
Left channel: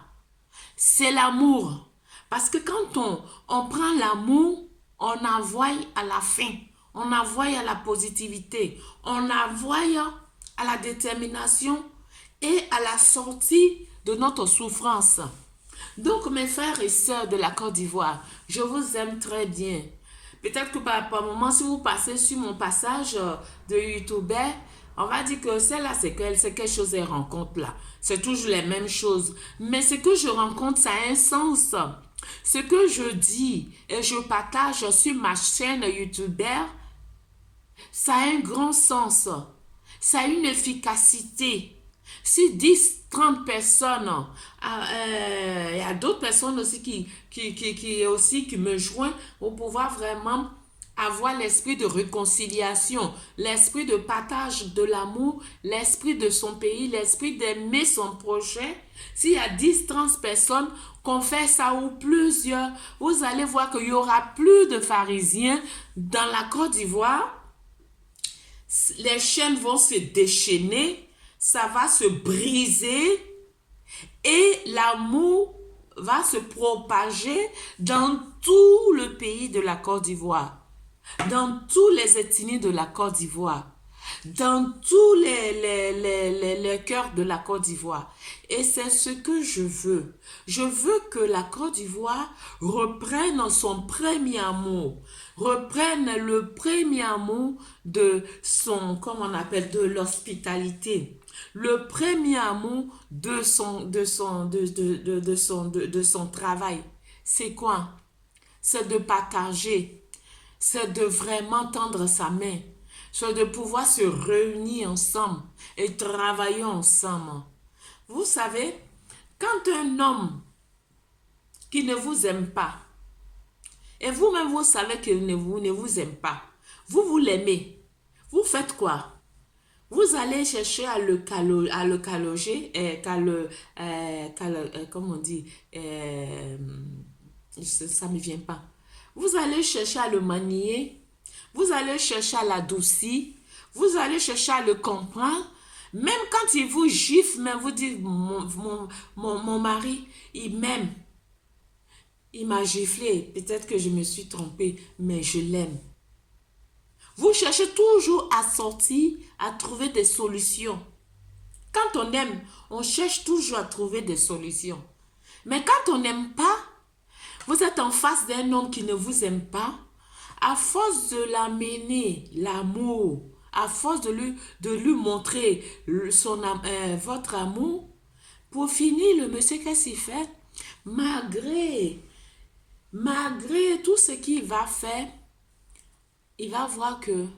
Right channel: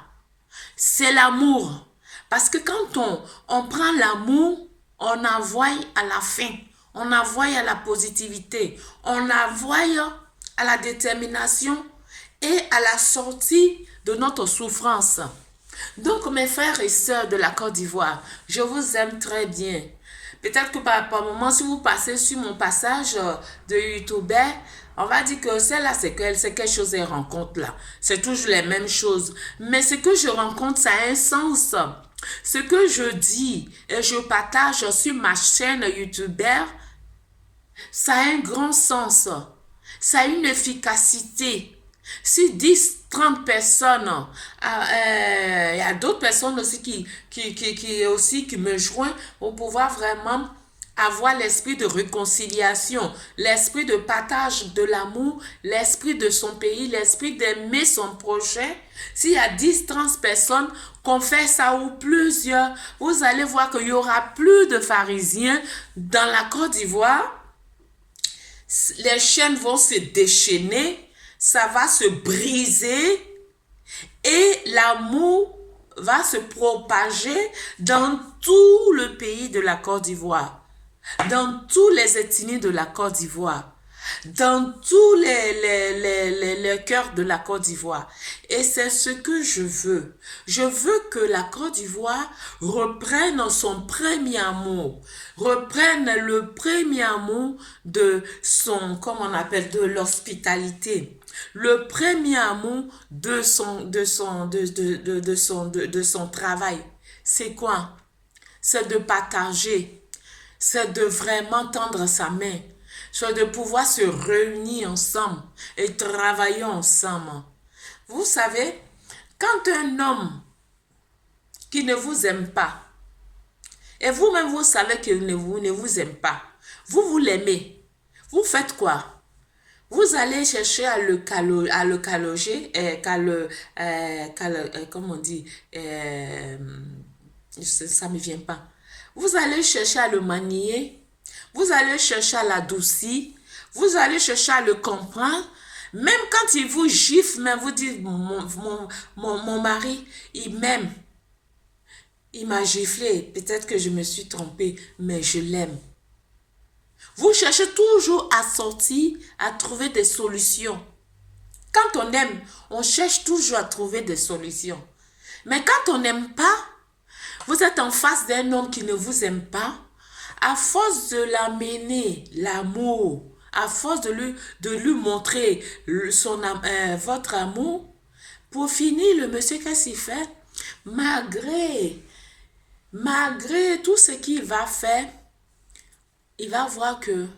C'est l'amour. Parce que quand on prend l'amour, on envoie à la fin. On envoie à la positivité. On envoie à la détermination et à la sortie de notre souffrance. Donc, mes frères et sœurs de la Côte d'Ivoire, je vous aime très bien. Peut-être que par moment, si vous passez sur mon passage de YouTuber, on va dire que celle-là, c'est quelque chose, ces rencontres-là. C'est toujours les mêmes choses. Mais ce que je rencontre, ça a un sens. Ce que je dis et je partage sur ma chaîne YouTuber, ça a un grand sens. Ça a une efficacité. Si 10, 30 personnes, il y a d'autres personnes aussi qui me joignent pour pouvoir vraiment avoir l'esprit de réconciliation, l'esprit de partage de l'amour, l'esprit de son pays, l'esprit d'aimer son projet. S'il y a 10, 30 personnes qu'on fait ça ou plusieurs, vous allez voir qu'il y aura plus de pharisiens dans la Côte d'Ivoire. Les chaînes vont se déchaîner, ça va se briser et l'amour va se propager dans tout le pays de la Côte d'Ivoire, dans tous les ethnies de la Côte d'Ivoire, dans tous les cœurs de la Côte d'Ivoire. Et c'est ce que je veux. Je veux que la Côte d'Ivoire reprenne son premier amour, reprenne le premier amour de son, comment on appelle, de l'hospitalité, le premier amour de son travail. C'est quoi? C'est de partager, c'est de vraiment tendre sa main, c'est de pouvoir se réunir ensemble et travailler ensemble. Vous savez, quand un homme qui ne vous aime pas, et vous-même vous savez qu'il ne vous aime pas, vous l'aimez, vous faites quoi? Vous allez chercher à le caloger, comment on dit, ça ne me vient pas. Vous allez chercher à le manier, vous allez chercher à l'adoucir, vous allez chercher à le comprendre. Même quand il vous gifle, mais vous dites, mon mari, il m'aime. Il m'a giflé, peut-être que je me suis trompée, mais je l'aime. Vous cherchez toujours à sortir, à trouver des solutions. Quand on aime, on cherche toujours à trouver des solutions. Mais quand on n'aime pas, vous êtes en face d'un homme qui ne vous aime pas, à force de l'amener, l'amour, à force de lui montrer votre amour, pour finir, le monsieur, qu'est-ce qu'il fait? Malgré tout ce qu'il va faire, il va voir que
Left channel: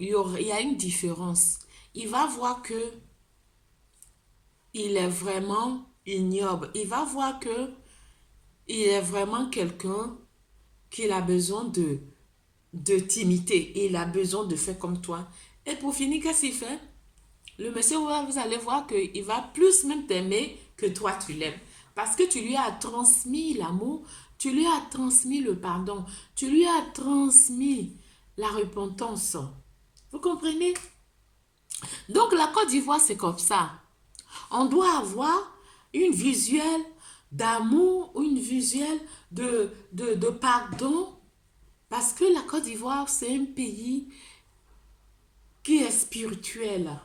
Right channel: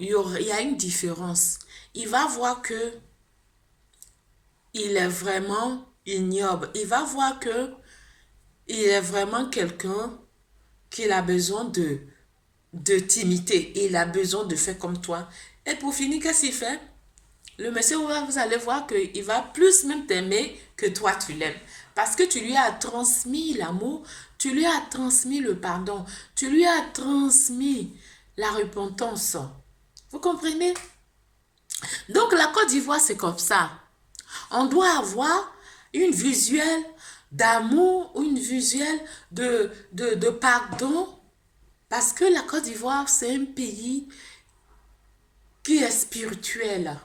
il y a une différence. Il va voir que il est vraiment ignoble. Il va voir que il est vraiment quelqu'un qui a besoin de timidité. Il a besoin de faire comme toi. Et pour finir, qu'est-ce qu'il fait? Le monsieur, vous allez voir qu'il va plus même t'aimer que toi tu l'aimes. Parce que tu lui as transmis l'amour, tu lui as transmis le pardon, tu lui as transmis la repentance. Vous comprenez? Donc la Côte d'Ivoire, c'est comme ça. On doit avoir une visuelle d'amour, une visuelle de pardon. Parce que la Côte d'Ivoire, c'est un pays qui est spirituel.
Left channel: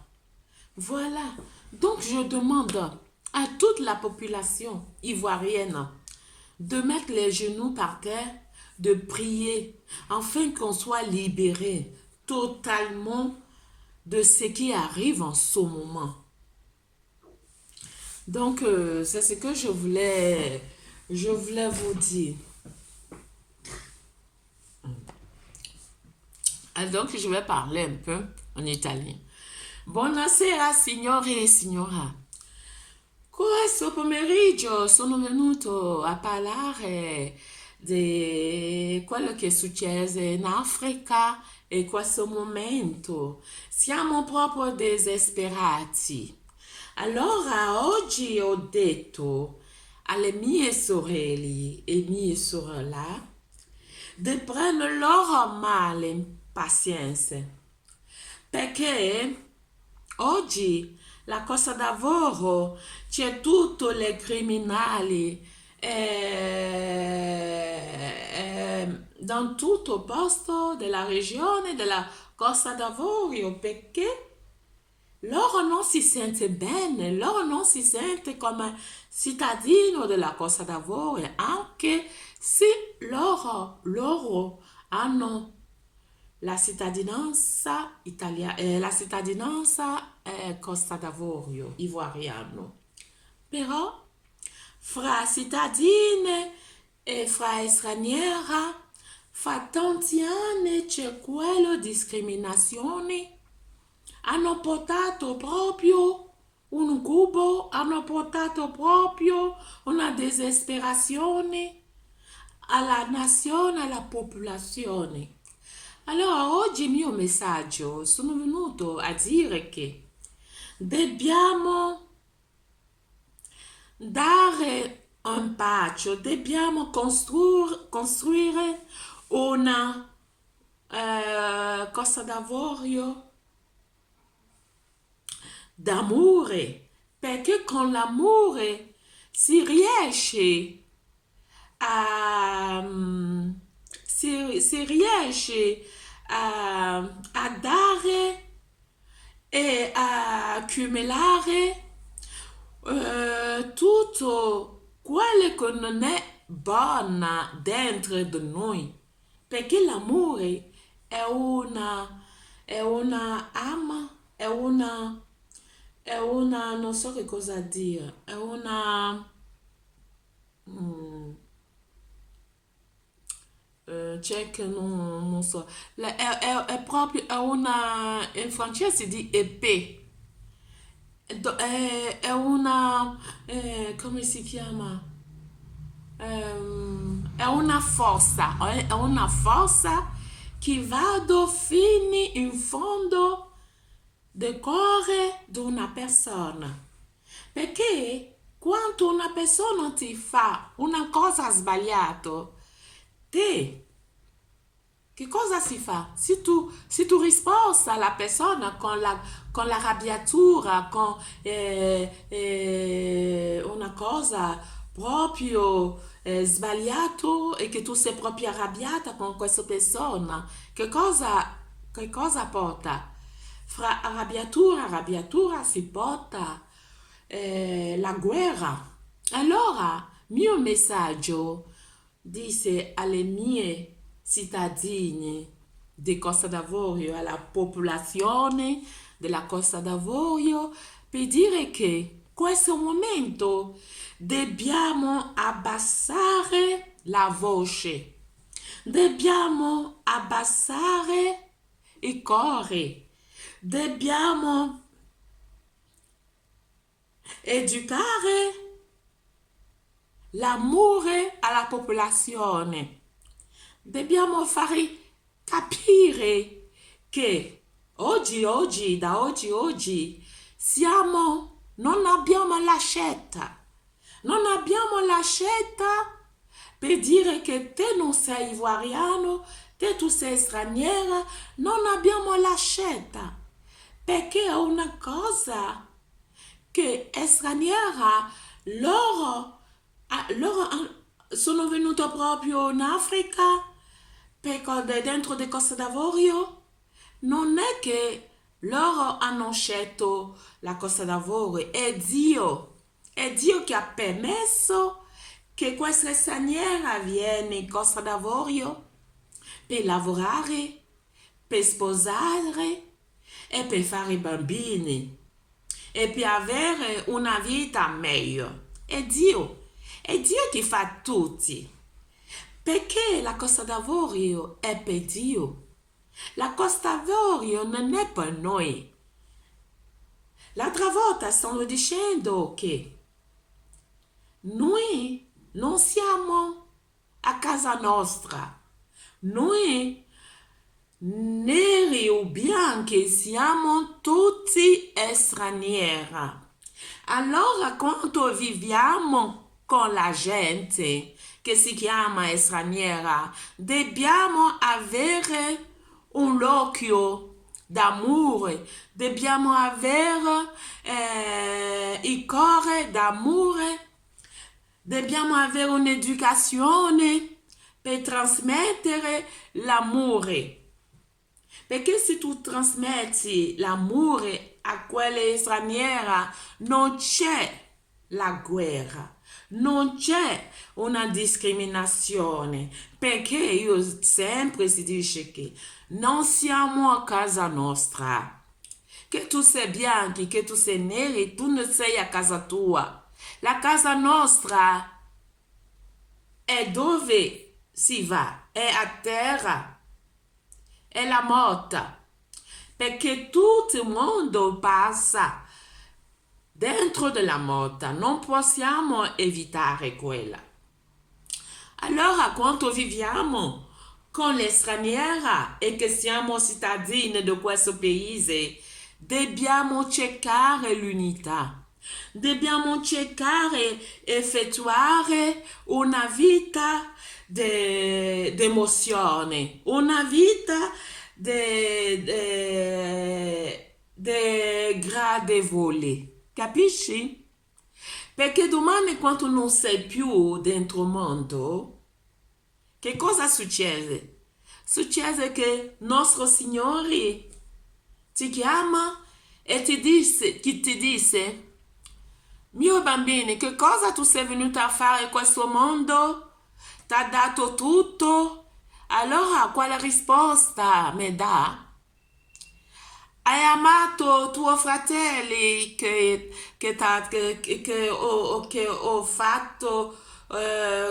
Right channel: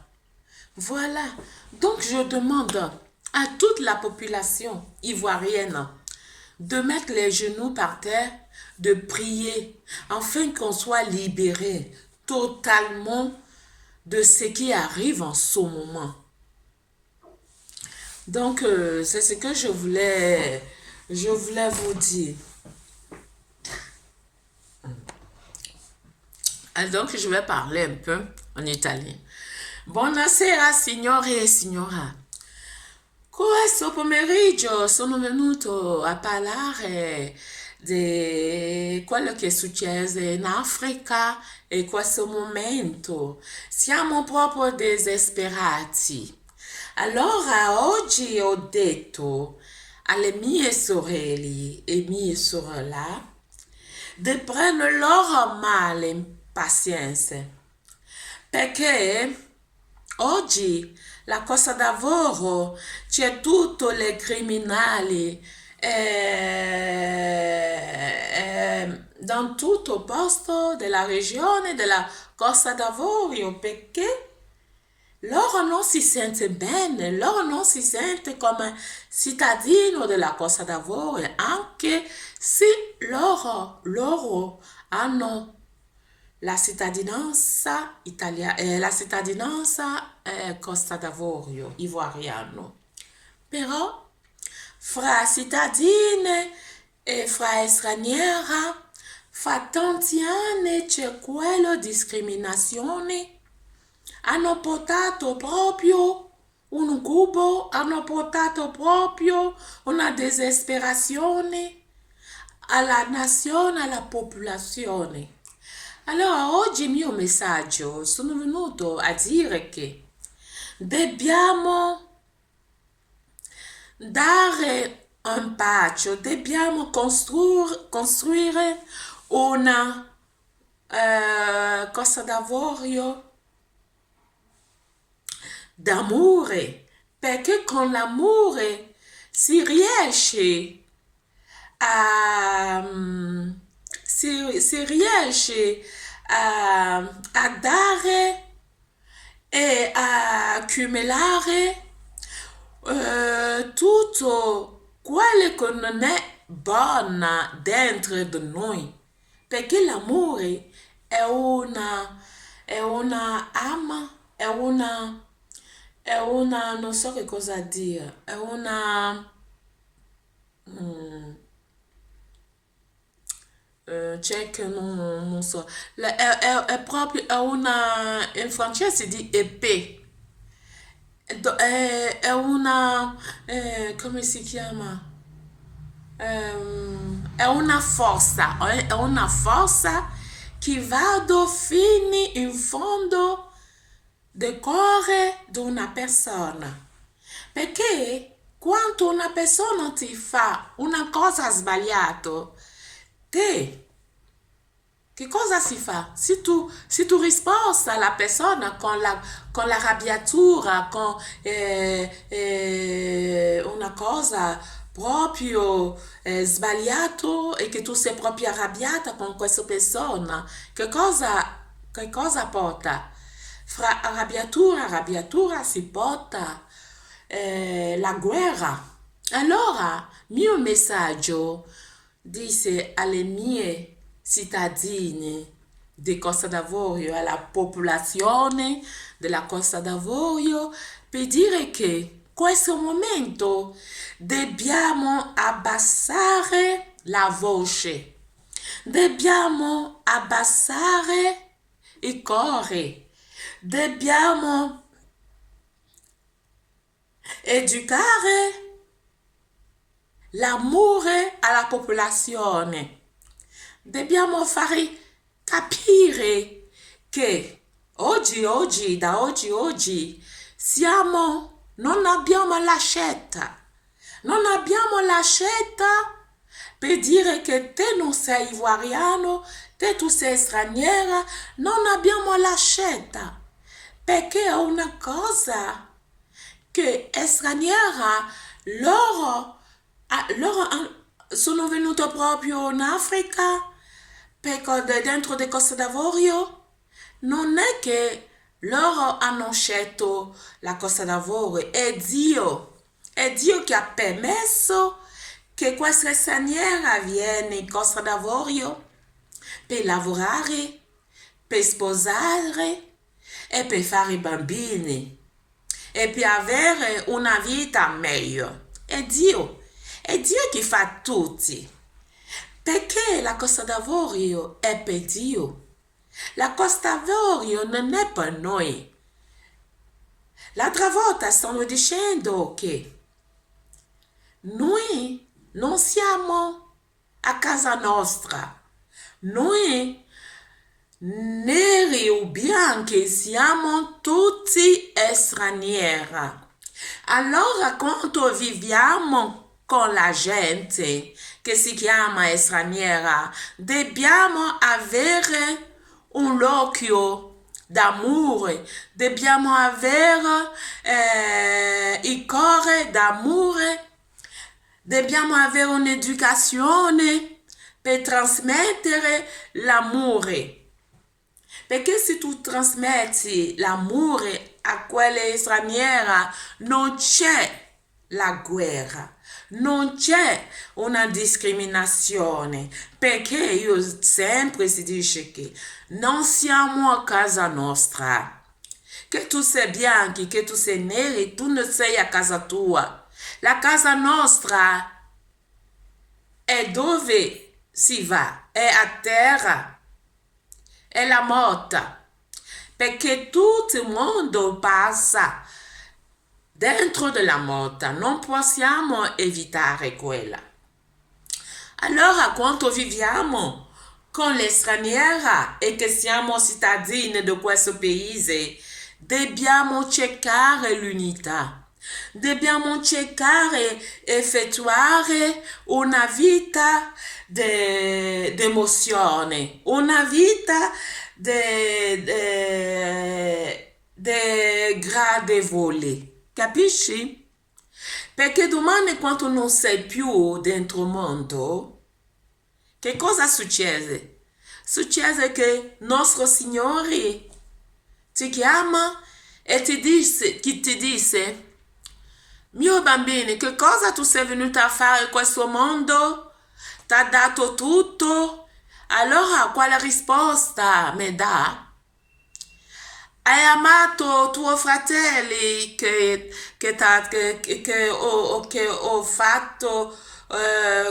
Voilà. Donc je demande à toute la population ivoirienne de mettre les genoux par terre, de prier, afin qu'on soit libéré totalement de ce qui arrive en ce moment. Donc, c'est ce que je voulais vous dire. Donc, je vais parler un peu en italien. Buonasera, signore e signora. Questo pomeriggio sono venuto a parlare di quello che è successo in Africa e questo momento. Siamo proprio disperati. Allora oggi ho detto alle mie sorelle e mie sorelle di prendere loro male in pazienza, perché oggi la Costa d'Avorio c'è tutti i criminali dans tutto il posto della regione della Costa d'Avorio, perché loro non si sente bene, loro non si sente come cittadino della Costa d'Avorio, anche se loro hanno la cittadinanza italiana, la cittadinanza Costa d'Avorio, ivoiriano. Però fra cittadine e fra straniera, fra tanti anni c'è quella discriminazione. Hanno portato proprio un cubo, hanno portato proprio una disperazione, alla nazione, alla popolazione. Allora, oggi il mio messaggio sono venuto a dire che dobbiamo dare un passo, dobbiamo costruire una cosa d'amore, perché con l'amore si riesce a, si riesce a dare e a accumulare tutto quello che non è buono dentro di noi, perché l'amore è una ama, è una, non so che cosa dire, è una, mm, c'è che non so, è proprio, è una, in francese si dice épée. È una, come si chiama? È una forza che vado fino in fondo del cuore di una persona. Perché quando una persona ti fa una cosa sbagliata, te che cosa si fa? Se tu risposta alla persona con la arrabbiatura, con una cosa proprio sbagliata e che tu sei proprio arrabbiata con questa persona, che cosa porta? Fra arrabbiatura e arrabbiatura si porta la guerra. Allora, mio messaggio dice alle mie cittadini di Costa d'Avorio, alla popolazione della Costa d'Avorio, per dire che in questo momento dobbiamo abbassare la voce, dobbiamo abbassare il cuore, dobbiamo educare l'amore alla popolazione. Dobbiamo fare capire che oggi, non abbiamo la scelta. Non abbiamo la scelta per dire che te non sei ivoiriano, te tu sei straniera. Non abbiamo la scelta perché è una cosa che è straniera. Loro sono venuti proprio in Africa perché dentro di Costa d'Avorio non è che loro hanno scelto la Costa d'Avorio, è Dio che ha permesso che questa straniera viene in Costa d'Avorio per lavorare, per sposare e per fare bambini e per avere una vita meglio. È Dio che fa tutti. Perché la Costa d'Avorio è per Dio. La Costa d'Avorio non è per noi. L'altra volta stavo dicendo che noi non siamo a casa nostra. Noi neri o bianchi siamo tutti stranieri. Allora quando viviamo con la gente che si chiama straniera, dobbiamo avere un occhio d'amore, dobbiamo avere il cuore d'amore, dobbiamo avere un'educazione per trasmettere l'amore. Perché se tu trasmetti l'amore a quella straniera, non c'è la guerra, non c'è una discriminazione, perché io sempre si dice che non siamo a casa nostra. Che tu sei bianchi, che tu sei neri, tu non sei a casa tua. La casa nostra è dove si va, è a terra. È la morte, perché tutto il mondo passa dentro della morte, non possiamo evitare quella. Allora, quando viviamo con le straniere e che siamo cittadini di questo paese, dobbiamo cercare l'unità. Dobbiamo cercare effettuare una vita d'emozione, una vita gradevole. Capisci? Perché domani quando non sei più dentro il mondo, che cosa succede? Succede che nostro Signore ti chiama e ti dice, mio bambino, che cosa tu sei venuto a fare in questo mondo? Ti ha dato tutto? Allora quale risposta mi dà? Hai amato tuo fratello che ho fatto,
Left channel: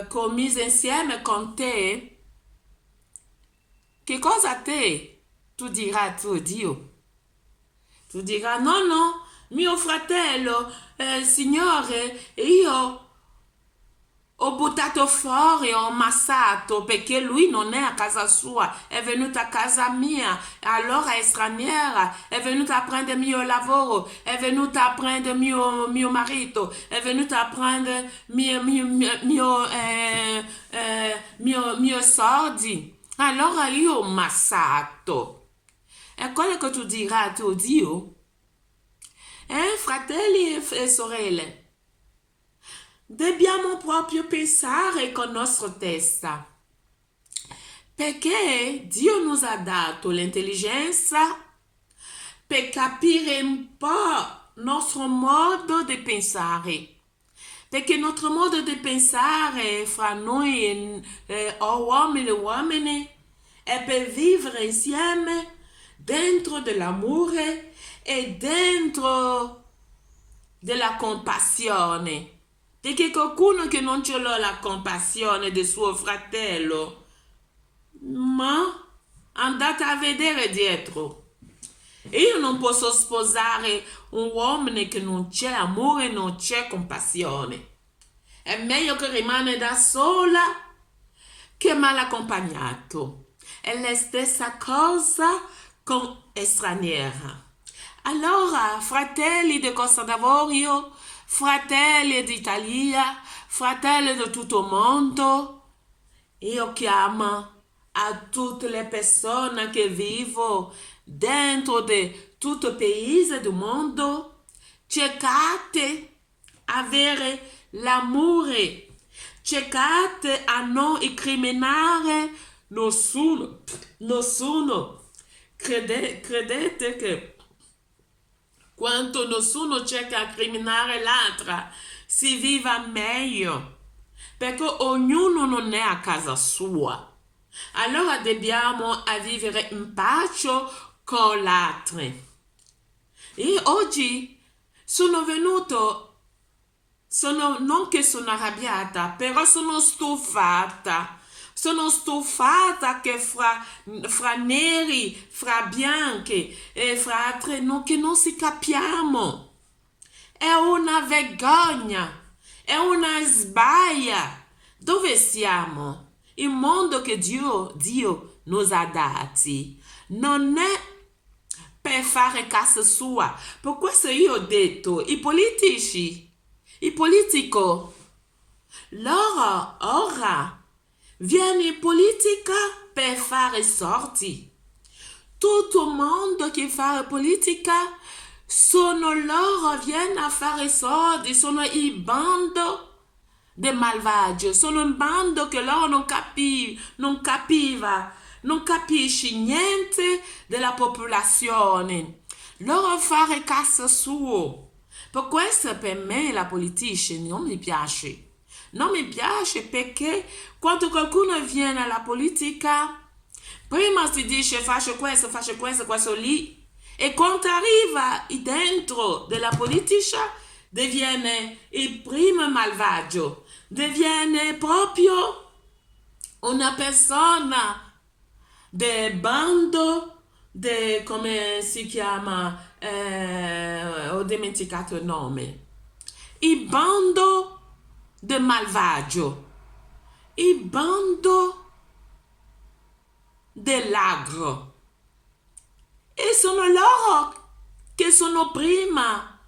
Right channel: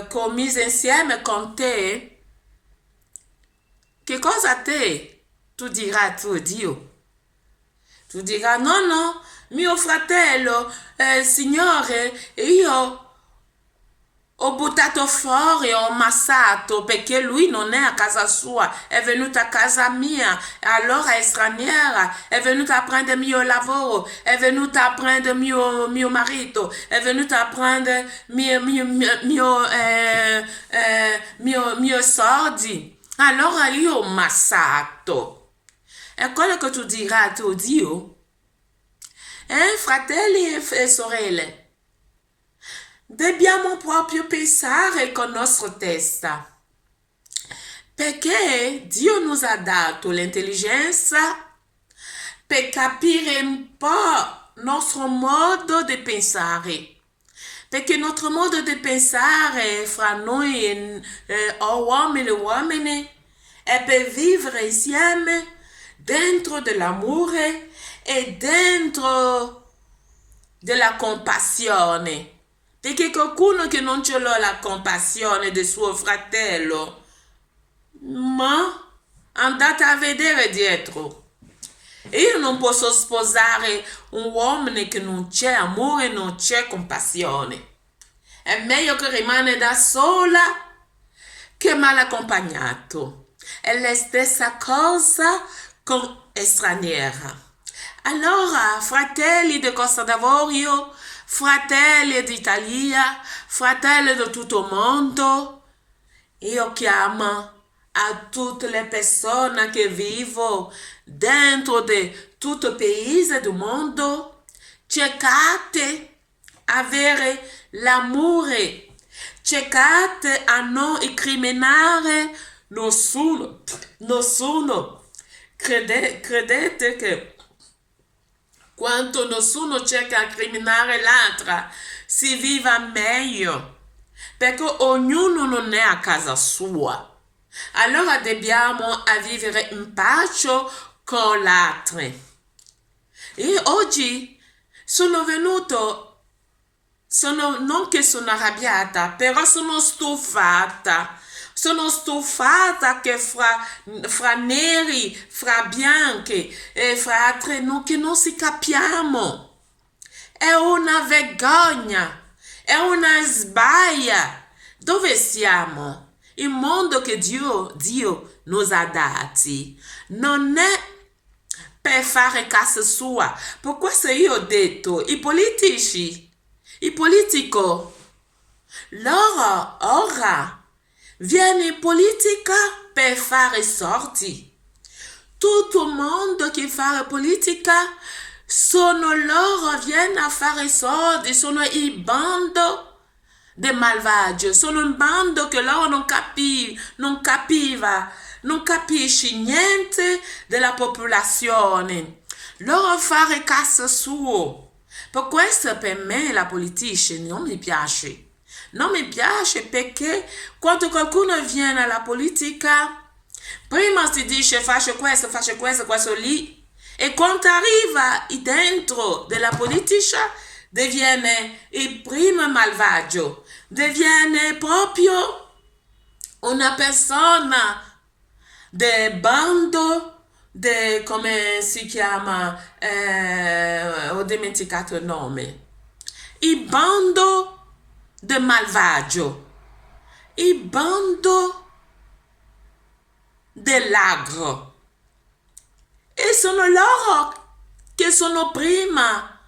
commise insieme con te? Che cosa a te? Tu dirai a tuo Dio. Tu dirai, no, no, mio fratello, Signore, io ho buttato fuori, ho ammazzato perché lui non è a casa sua, è venuto a casa mia, allora è straniera, è venuta a prendere il mio lavoro, è venuta a prendere mio marito, è venuta a prendere mio soldi. Allora io ho ammazzato. È quello che tu dirai a tuo Dio. Fratelli e sorelle. Dobbiamo proprio pensare con la nostra testa, perché Dio ci ha dato l'intelligenza per capire un po' il nostro modo di pensare, perché il nostro modo di pensare fra noi uomini e uomini è per vivere insieme dentro dell'amore e dentro della compassione. Perché qualcuno che non ce l'ha la compassione del suo fratello, ma andate a vedere dietro. Io non posso sposare un uomo che non c'è amore, non c'è compassione. È meglio che rimane da sola che mal accompagnato. È la stessa cosa con straniera. Allora, fratelli di Costa d'Avorio, fratelli d'Italia, fratelli di tutto il mondo, io chiamo a tutte le persone che vivono dentro di tutto il paese del mondo, cercate avere l'amore, cercate a non incriminare nessuno. Credete che quando nessuno cerca di criminare l'altra, si viva meglio, perché ognuno non è a casa sua. Allora dobbiamo vivere in pace con l'altro. E oggi sono venuto, non che sono arrabbiata, però sono stufata. Sono stufata che fra neri, fra bianchi e fra altri che non si capiamo. È una vergogna, è una sbaglia. Dove siamo? Il mondo che Dio nos ha dati non è per fare casa sua. Per questo io ho detto, i politici, loro ora viene in politica per fare sorti. Tutto il mondo che fa politica sono loro, viene a fare soldi, sono il bando dei malvagi, sono un bando che loro non capisce niente della popolazione. Loro fare casa sua. Per questo per me la politica non mi piace. Non mi piace perché quando qualcuno viene alla politica, prima si dice faccio questo lì, e quando arriva dentro della politica diviene il primo malvagio, diviene proprio una persona del bando, come si chiama, ho dimenticato il nome, il bando del malvagio. il bando dell'agro e sono loro che sono prima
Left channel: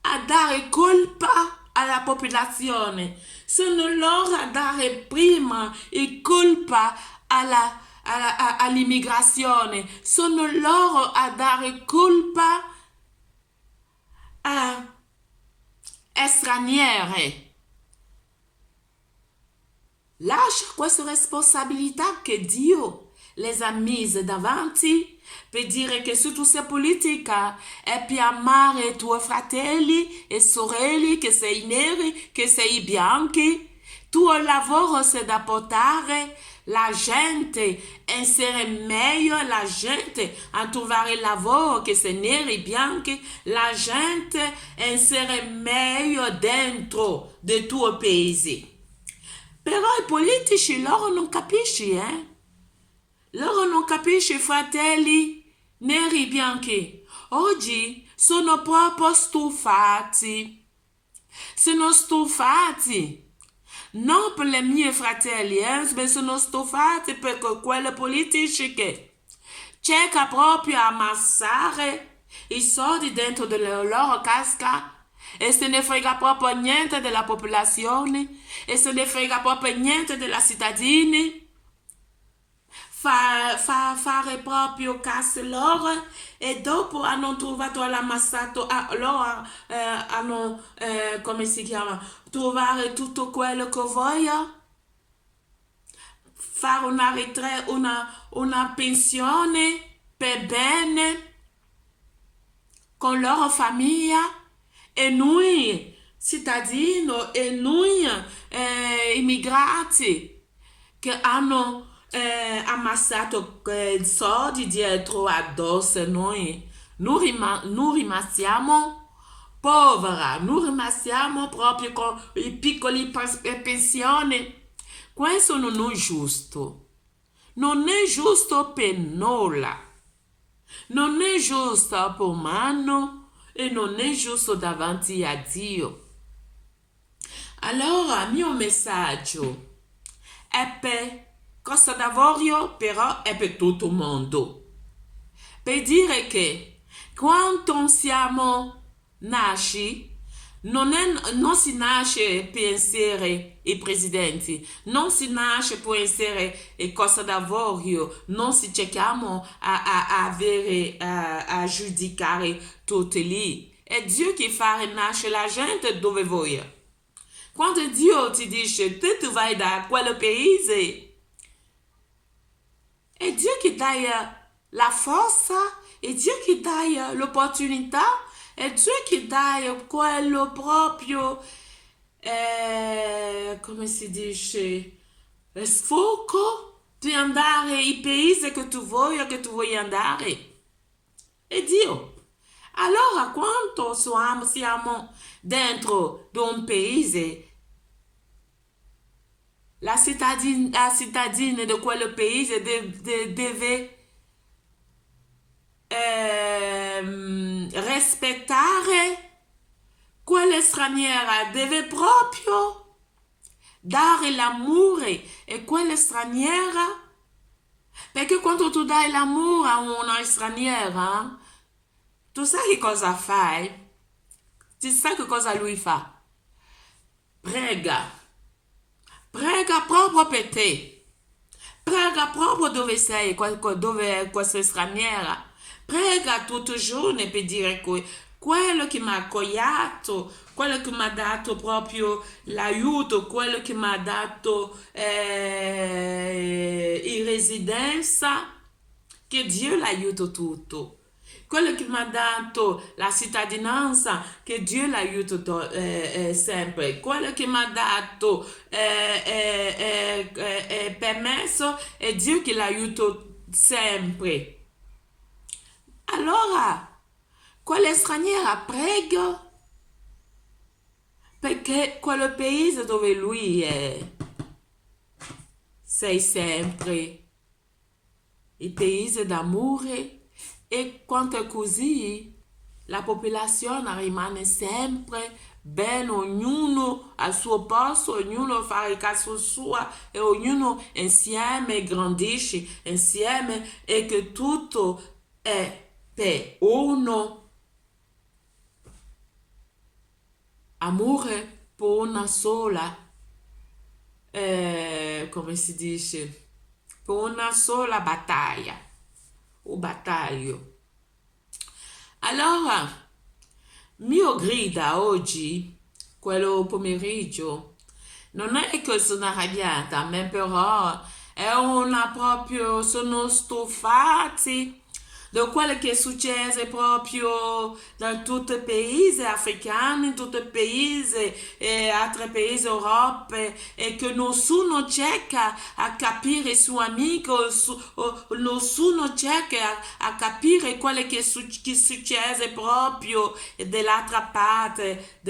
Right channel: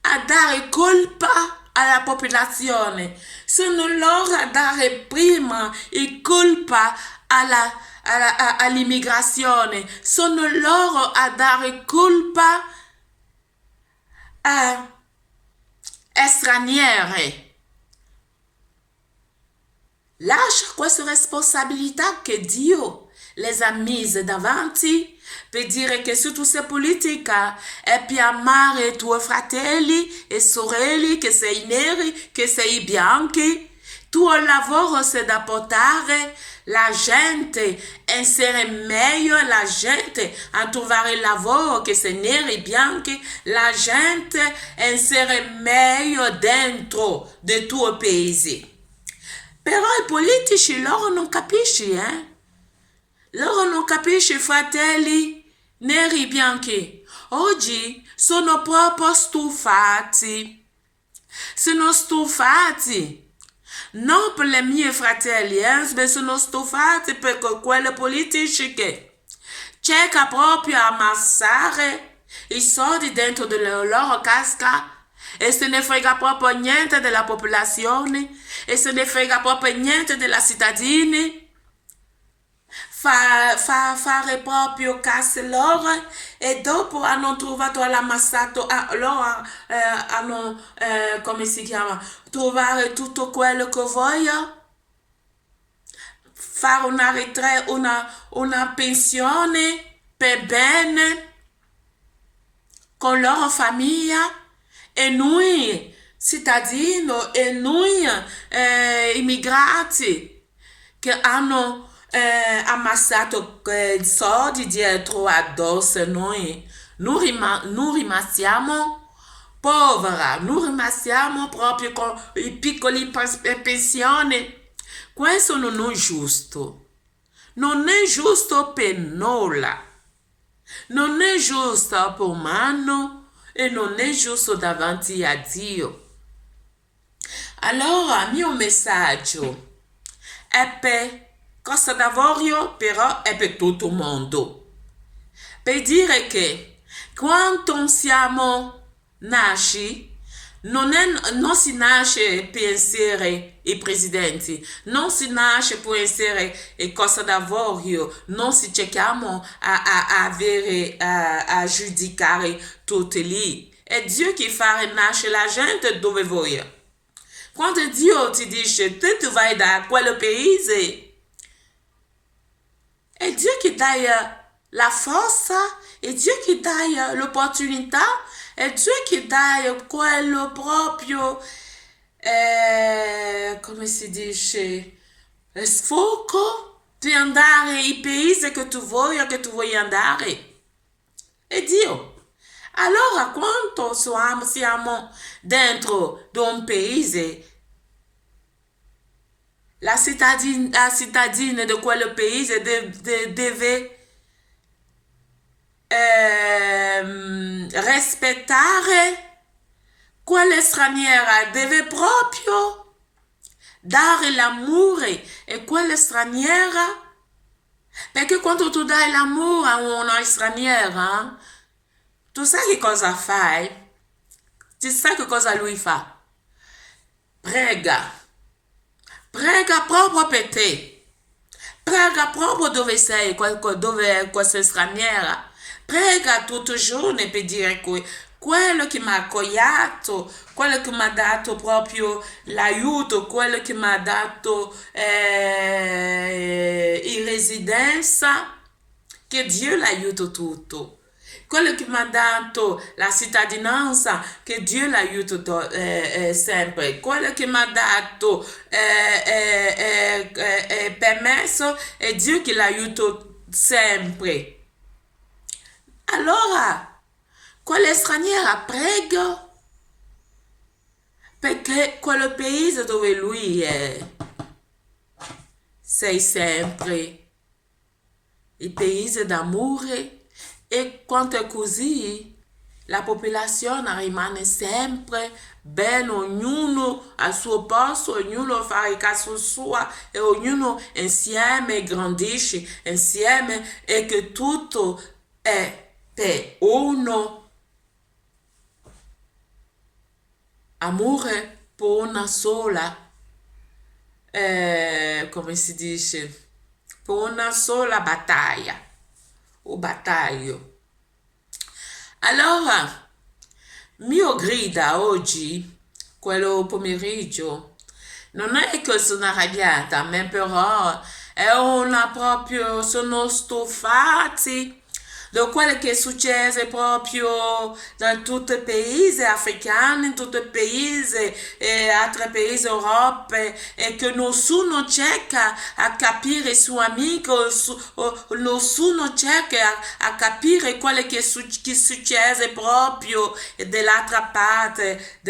a dare colpa alla popolazione, sono loro a dare prima il colpa all'immigrazione, sono loro a dare colpa a stranieri. Lascia questa responsabilità che Dio les ha mise davanti per dire che se tu sei politica è per amare i tuoi fratelli e sorelle, che sei neri, che sei bianchi. Tuo lavoro è da portare la gente a essere meglio, la gente a trovare lavoro, che sei neri, bianchi, la gente a essere meglio dentro del tuo paese. Però i politici loro non capiscono, Loro non capiscono, fratelli neri e bianchi. Oggi sono proprio stufati. Sono stufati. Non per i miei fratelli, ma sono stufati per quelle politici che cercano proprio a ammassare i soldi dentro delle loro casca e se ne frega proprio niente della popolazione e se ne frega proprio niente della cittadini. Fare proprio cassa loro e dopo hanno trovato l'ammassato, loro hanno, come si chiama, trovare tutto quello che vogliono, fare una pensione per bene con loro famiglia e noi cittadini e noi immigrati che hanno ammassato soldi dietro addosso noi rimasiamo poveri, noi rimasiamo proprio con i piccoli pensioni. Questo non è giusto, non è giusto per nulla, non è giusto per umano e non è giusto davanti a Dio. Allora il mio messaggio è per Costa d'Avorio, però è per tutto il mondo, per dire che quando siamo nasci non si nasce per essere i presidenti, non si nasce per essere il Costa d'Avorio, non si cerchiamo a giudicare tutti lì. È Dio che fa nascere la gente dove vuole. Quando Dio ti dice te tu vai da quel paese, è Dio che dà la forza, è Dio che dà l'opportunità, è Dio che dà quello proprio, come si dice, sfogo di andare ai paesi che tu vuoi andare. È Dio. Allora, quando siamo dentro di un paese, la cittadina di quel paese deve rispettare quella straniera, deve proprio dare l'amore a quella straniera, perché quando tu dai l'amore a una straniera, tu sai che cosa fai? Tu sai che cosa lui fa? Prega proprio per te, prega proprio dove sei, dove è questa straniera, prega tutti i giorni per dire quello che mi ha accogliato, quello che mi ha dato proprio l'aiuto, quello che mi ha dato in residenza, che Dio l'aiuta tutto. Quello che mi ha dato la cittadinanza, che Dio l'aiuta sempre. Quello che mi ha dato permesso, è Dio che l'aiuta sempre. Allora, quella straniera prega perché quel paese dove lui è, sei sempre il paese d'amore. E quando è così, la popolazione rimane sempre bene, ognuno al suo posto, ognuno fa il caso suo e ognuno insieme grandisce insieme e che tutto è per uno amore per una sola, come si dice, per una sola battaglia o battaglio. Allora, mio grida oggi, quello pomeriggio, non è che sono arrabbiata, ma però è una proprio, sono stufati da quello che è successo proprio in tutti i paesi africani, in tutti i paesi e altri paesi Europa e che nessuno cerca a capire il suo amico, nessuno cerca a capire quello che è successo proprio dall'altra parte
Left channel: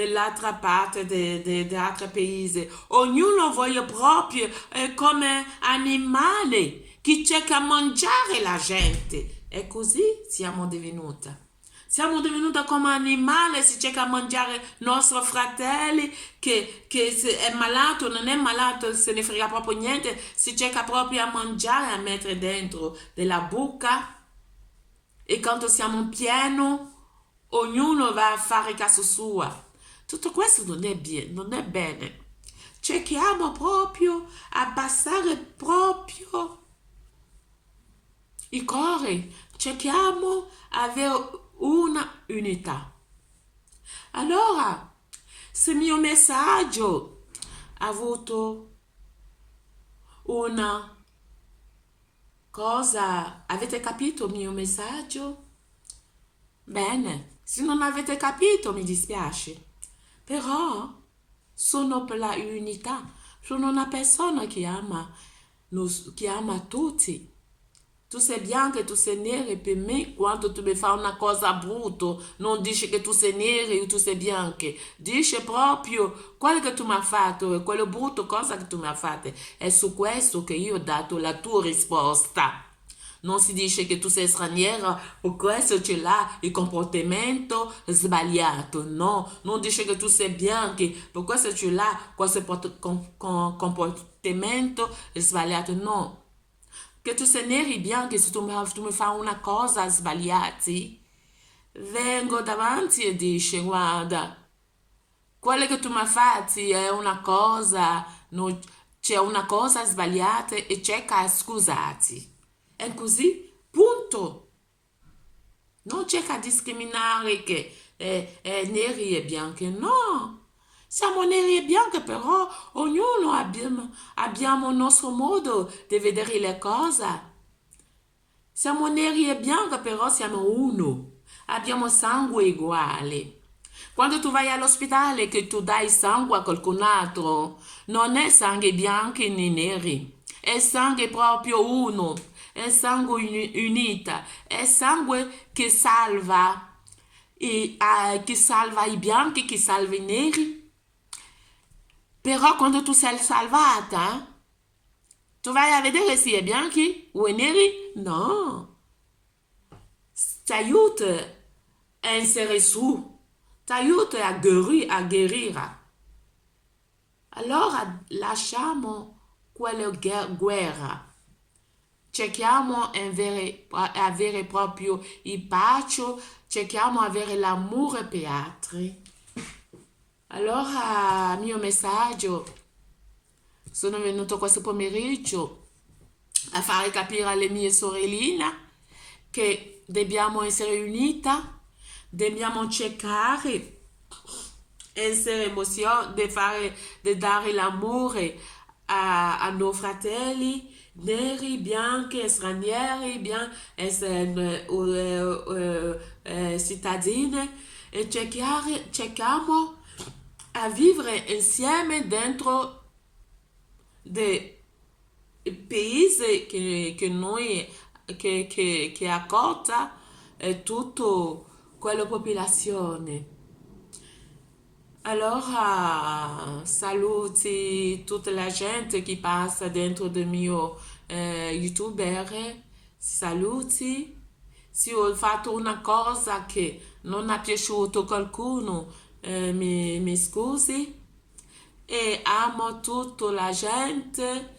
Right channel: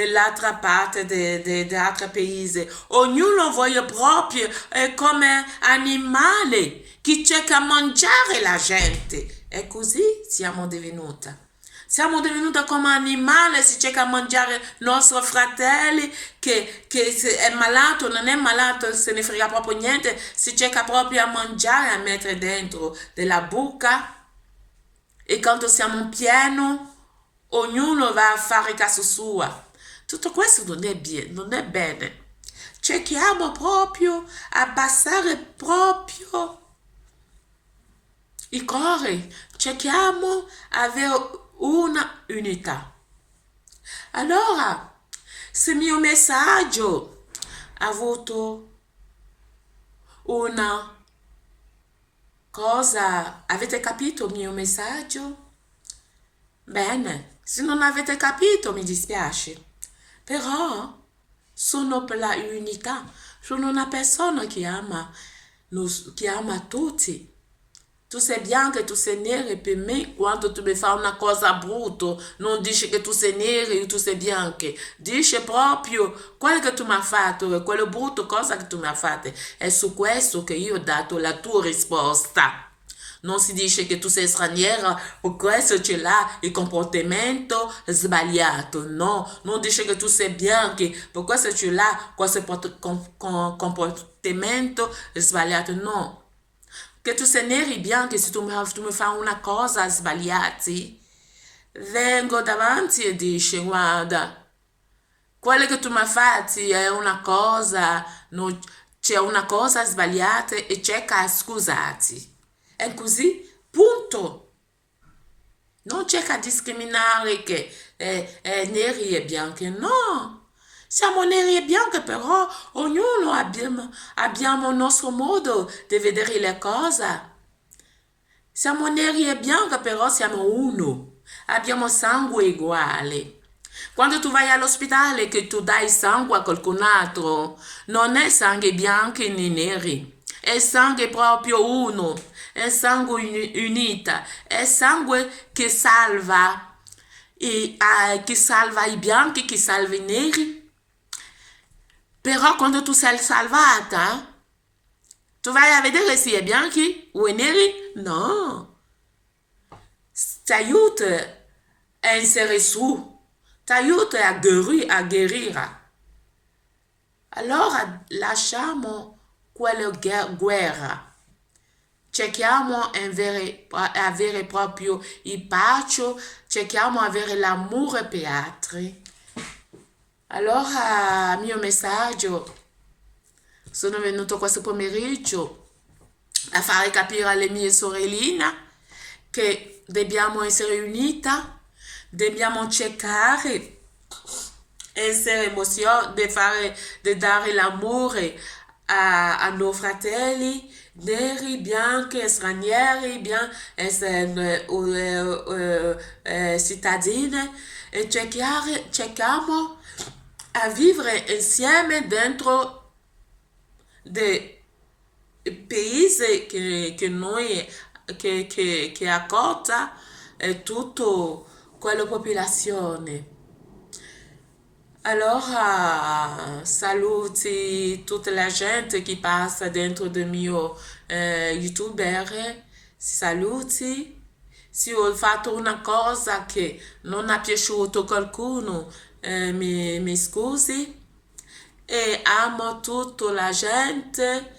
dell'altro paese. Ognuno vuole proprio come animale che cerca a mangiare la gente. E così siamo divenuti. Siamo divenuti come animali, si cerca a mangiare i nostri fratelli, che se è malato, non è malato, se ne frega proprio niente, si cerca proprio a mangiare, a mettere dentro della bocca. E quando siamo pieni, ognuno va a fare caso sua. Tutto questo non è bene. Cerchiamo proprio a abbassare proprio il cuore, cerchiamo di avere una unità. Allora, se il mio messaggio ha avuto una cosa, avete capito il mio messaggio? Bene, se non avete capito mi dispiace, però sono per la unità, sono una persona che ama tutti. Tu sei bianca e tu sei nera per me, quando tu mi fai una cosa brutta, non dici che tu sei nera e tu sei bianca. Dici proprio quello che tu mi hai fatto, quello brutto cosa che tu mi hai fatto. È su questo che io ho dato la tua risposta. Non si dice che tu sei straniera, per questo c'è là il comportamento sbagliato. No, non dice che tu sei bianca, per questo c'è là questo comportamento sbagliato. No. Che tu sei neri bianchi, se tu mi fai una cosa sbagliata, vengo davanti e dici, guarda, quello che tu mi hai fatto è una cosa, c'è una cosa sbagliata e cerca di scusarti. E così, punto. Non cerca di discriminare che neri e bianchi, no. Siamo neri e bianchi, però ognuno abbiamo il nostro modo di vedere le cose. Siamo neri e bianchi, però siamo uno. Abbiamo sangue uguale. Quando tu vai all'ospedale che tu dai sangue a qualcun altro, non è sangue bianco né neri, è sangue proprio uno, è sangue unito, è sangue che salva, che salva i bianchi, che salva i neri. Però quando tu sei salvata, tu vai a vedere se è bianchi o è neri? No. Ti aiuta a essere su, ti aiuta a guarire. Allora lasciamo quella guerra. Cerchiamo di avere proprio il pace, cerchiamo di avere l'amore per altri. Allora, mio messaggio, sono venuto questo pomeriggio a fare capire alle mie sorelline che dobbiamo essere unite, dobbiamo cercare essere di dare l'amore a noi fratelli, neri, bianchi, stranieri, cittadini, e cerchiamo a vivere insieme dentro dei paesi che noi che accorta tutta quella popolazione. Allora saluti tutta la gente che passa dentro del mio youtuber, saluti se ho fatto una cosa che non ha piaciuto a qualcuno, mi scusi. E amo tutta la gente,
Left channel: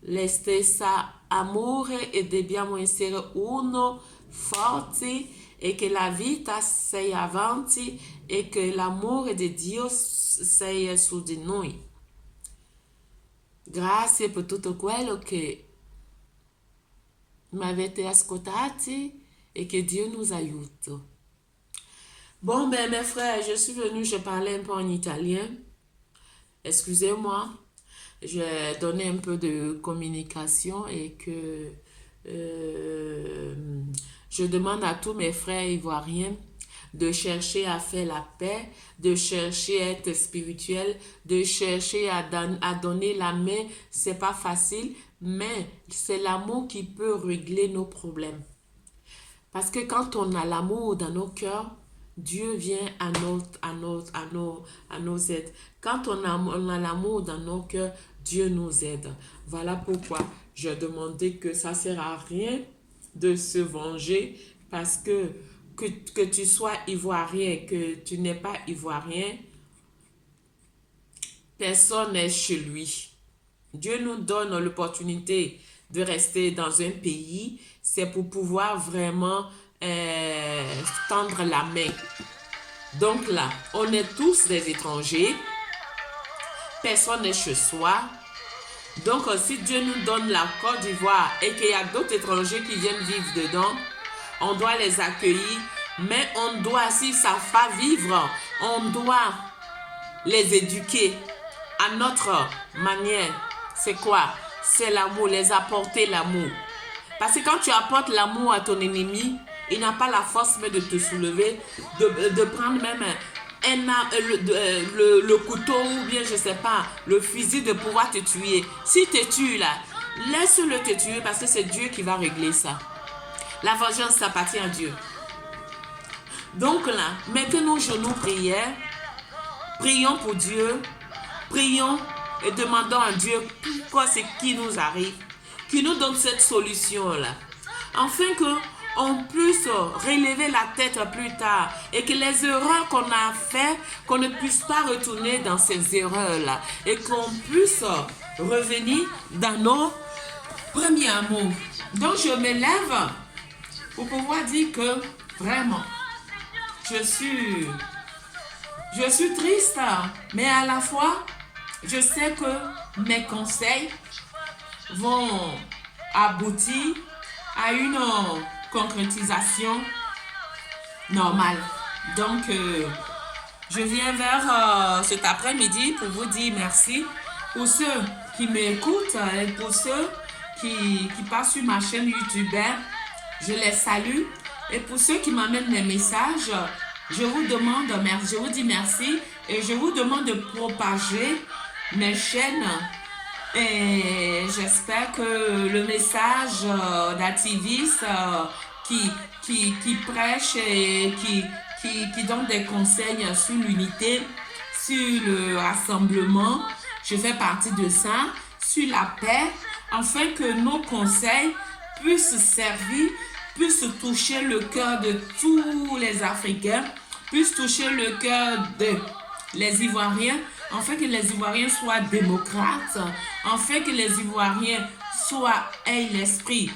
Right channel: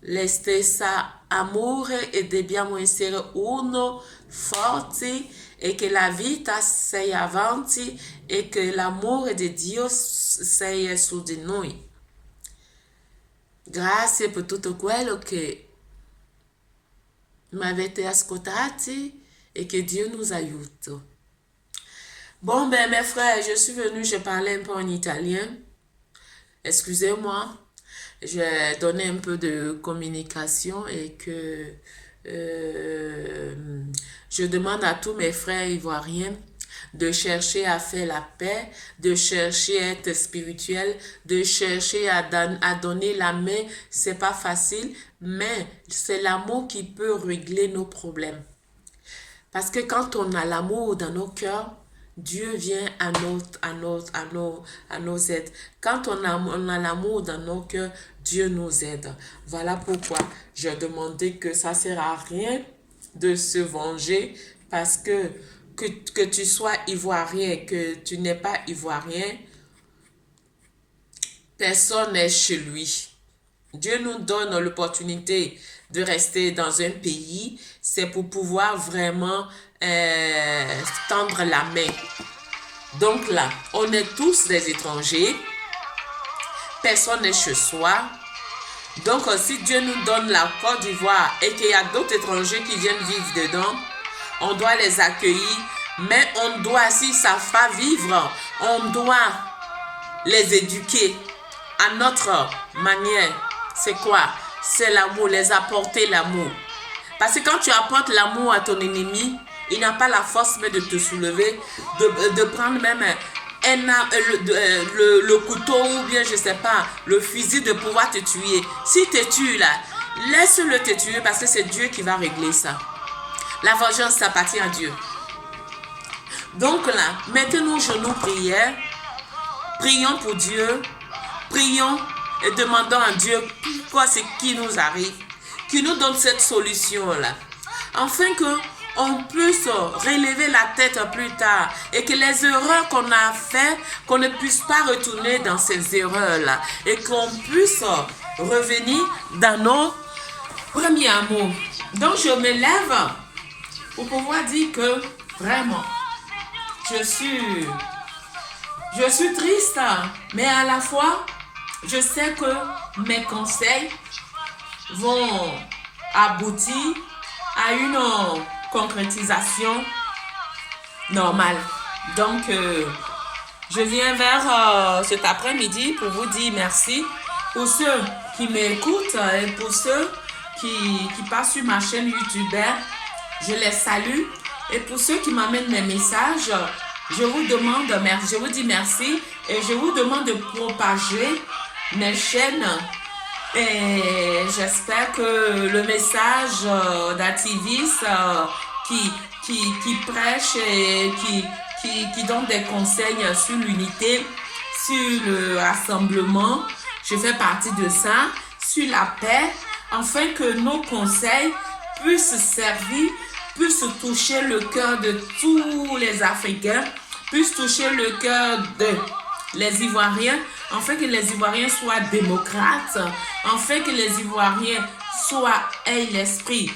le stessa amore e dobbiamo essere uno forti e che la vita sia avanti e che l'amore di Dio sia su di noi. Grazie per tutto quello che mi avete ascoltati et que Dieu nous aiute. Bon, ben mes frères, je suis venue, je parlais un peu en italien. Excusez-moi, j'ai donné un peu de communication et que je demande à tous mes frères ivoiriens de chercher à faire la paix, de chercher à être spirituel, de chercher à donner la main. C'est pas facile, mais c'est l'amour qui peut régler nos problèmes. Parce que quand on a l'amour dans nos cœurs, Dieu vient à nos aides. Quand on a l'amour dans nos cœurs, Dieu nous aide. Voilà pourquoi je demandais que ça ne sert à rien de se venger parce que tu sois ivoirien, que tu n'es pas ivoirien, personne n'est chez lui. Dieu nous donne l'opportunité de rester dans un pays, c'est pour pouvoir vraiment tendre la main. Donc là, on est tous des étrangers, personne n'est chez soi. Donc si Dieu nous donne la Côte d'Ivoire et qu'il y a d'autres étrangers qui viennent vivre dedans, on doit les accueillir, mais on doit, s'ils ne savent pas vivre, on doit les éduquer à notre manière. C'est quoi? C'est l'amour, les apporter l'amour. Parce que quand tu apportes l'amour à ton ennemi, il n'a pas la force de te soulever, de prendre même le couteau ou bien, je ne sais pas, le fusil de pouvoir te tuer. S'il te tue là, laisse-le te tuer parce que c'est Dieu qui va régler ça. La vengeance, ça appartient à Dieu. Donc là, mettez nos genoux prière. Prions pour Dieu. Prions et demandons à Dieu pourquoi c'est qui nous arrive. Qui nous donne cette solution-là. Afin qu'on puisse relever la tête plus tard. Et que les erreurs qu'on a faites, qu'on ne puisse pas retourner dans ces erreurs-là. Et qu'on puisse revenir dans nos premiers amours. Donc je me lève pour pouvoir dire que vraiment, je suis triste, mais à la fois, je sais que mes conseils vont aboutir à une concrétisation normale. Donc, je viens vers cet après-midi pour vous dire merci pour ceux qui m'écoutent et pour ceux qui passent sur ma chaîne YouTube. Je les salue. Et pour ceux qui m'amènent mes messages, je vous demande merci, je vous dis merci et je vous demande de propager mes chaînes. Et j'espère que le message d'activistes qui prêche et qui donne des conseils sur l'unité, sur le rassemblement, je fais partie de ça, sur la paix, afin que nos conseils puissent servir, puissent toucher le cœur de tous les Africains, puissent toucher le cœur des Ivoiriens, afin que les Ivoiriens soient démocrates, afin que les Ivoiriens aient l'esprit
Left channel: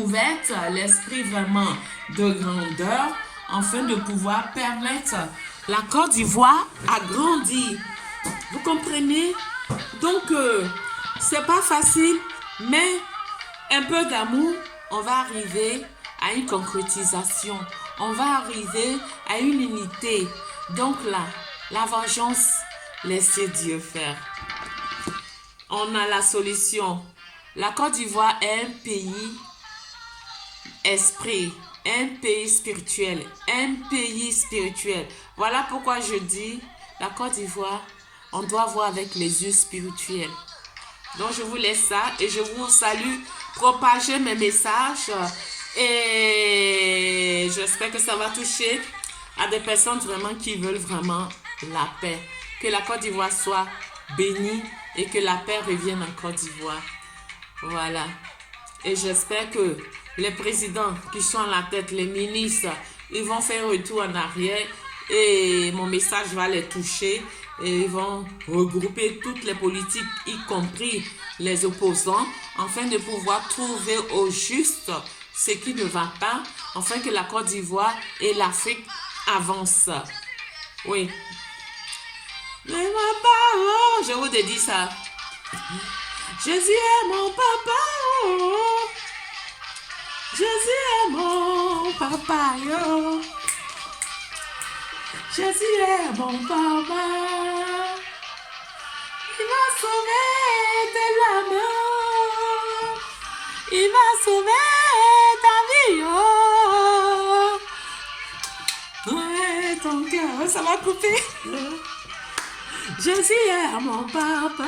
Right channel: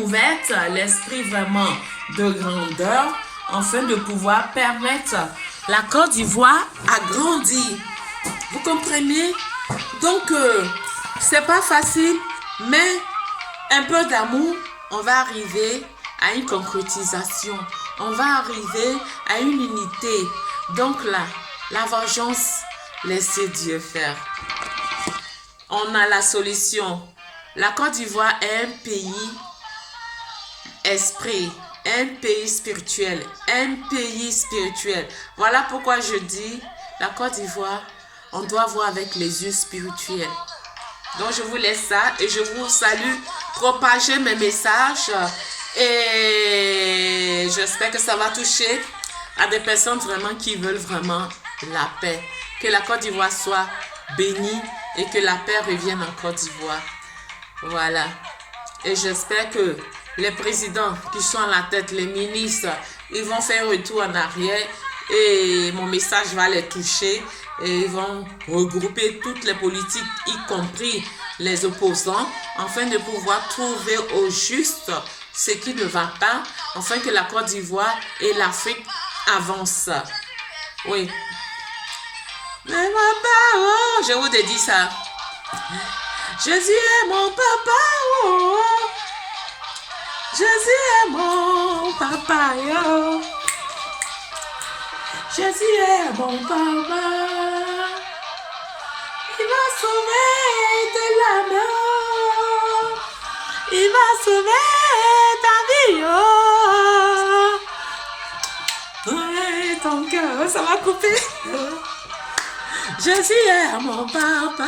ouvert, l'esprit vraiment de grandeur, afin de pouvoir permettre la Côte d'Ivoire à grandir. Vous comprenez? Donc, c'est pas facile, mais un peu d'amour, on va arriver à une concrétisation. On va arriver à une unité. Donc là, la vengeance, laissez Dieu faire. On a la solution. La Côte d'Ivoire est un pays esprit, un pays spirituel, un pays spirituel. Voilà pourquoi je dis, la Côte d'Ivoire, on doit voir avec les yeux spirituels. Donc je vous laisse ça et je vous salue. Propagez mes messages et j'espère que ça va toucher à des personnes vraiment qui veulent vraiment la paix. Que la Côte d'Ivoire soit bénie et que la paix revienne en Côte d'Ivoire. Voilà. Et j'espère que les présidents qui sont à la tête, les ministres, ils vont faire retour en arrière et mon message va les toucher et ils vont regrouper toutes les politiques, y compris les opposants, afin de pouvoir trouver au juste ce qui ne va pas, afin que la Côte d'Ivoire et l'Afrique avancent. Oui. Mais papa, oh, je vous ai dit ça. Jésus est mon papa, oh. Jésus est mon papa, oh. Jésus est mon papa. Il va sauver de la mort. Il va sauver ta vie, oh. Ouais, ton cœur, ça va couper. Jésus est mon papa.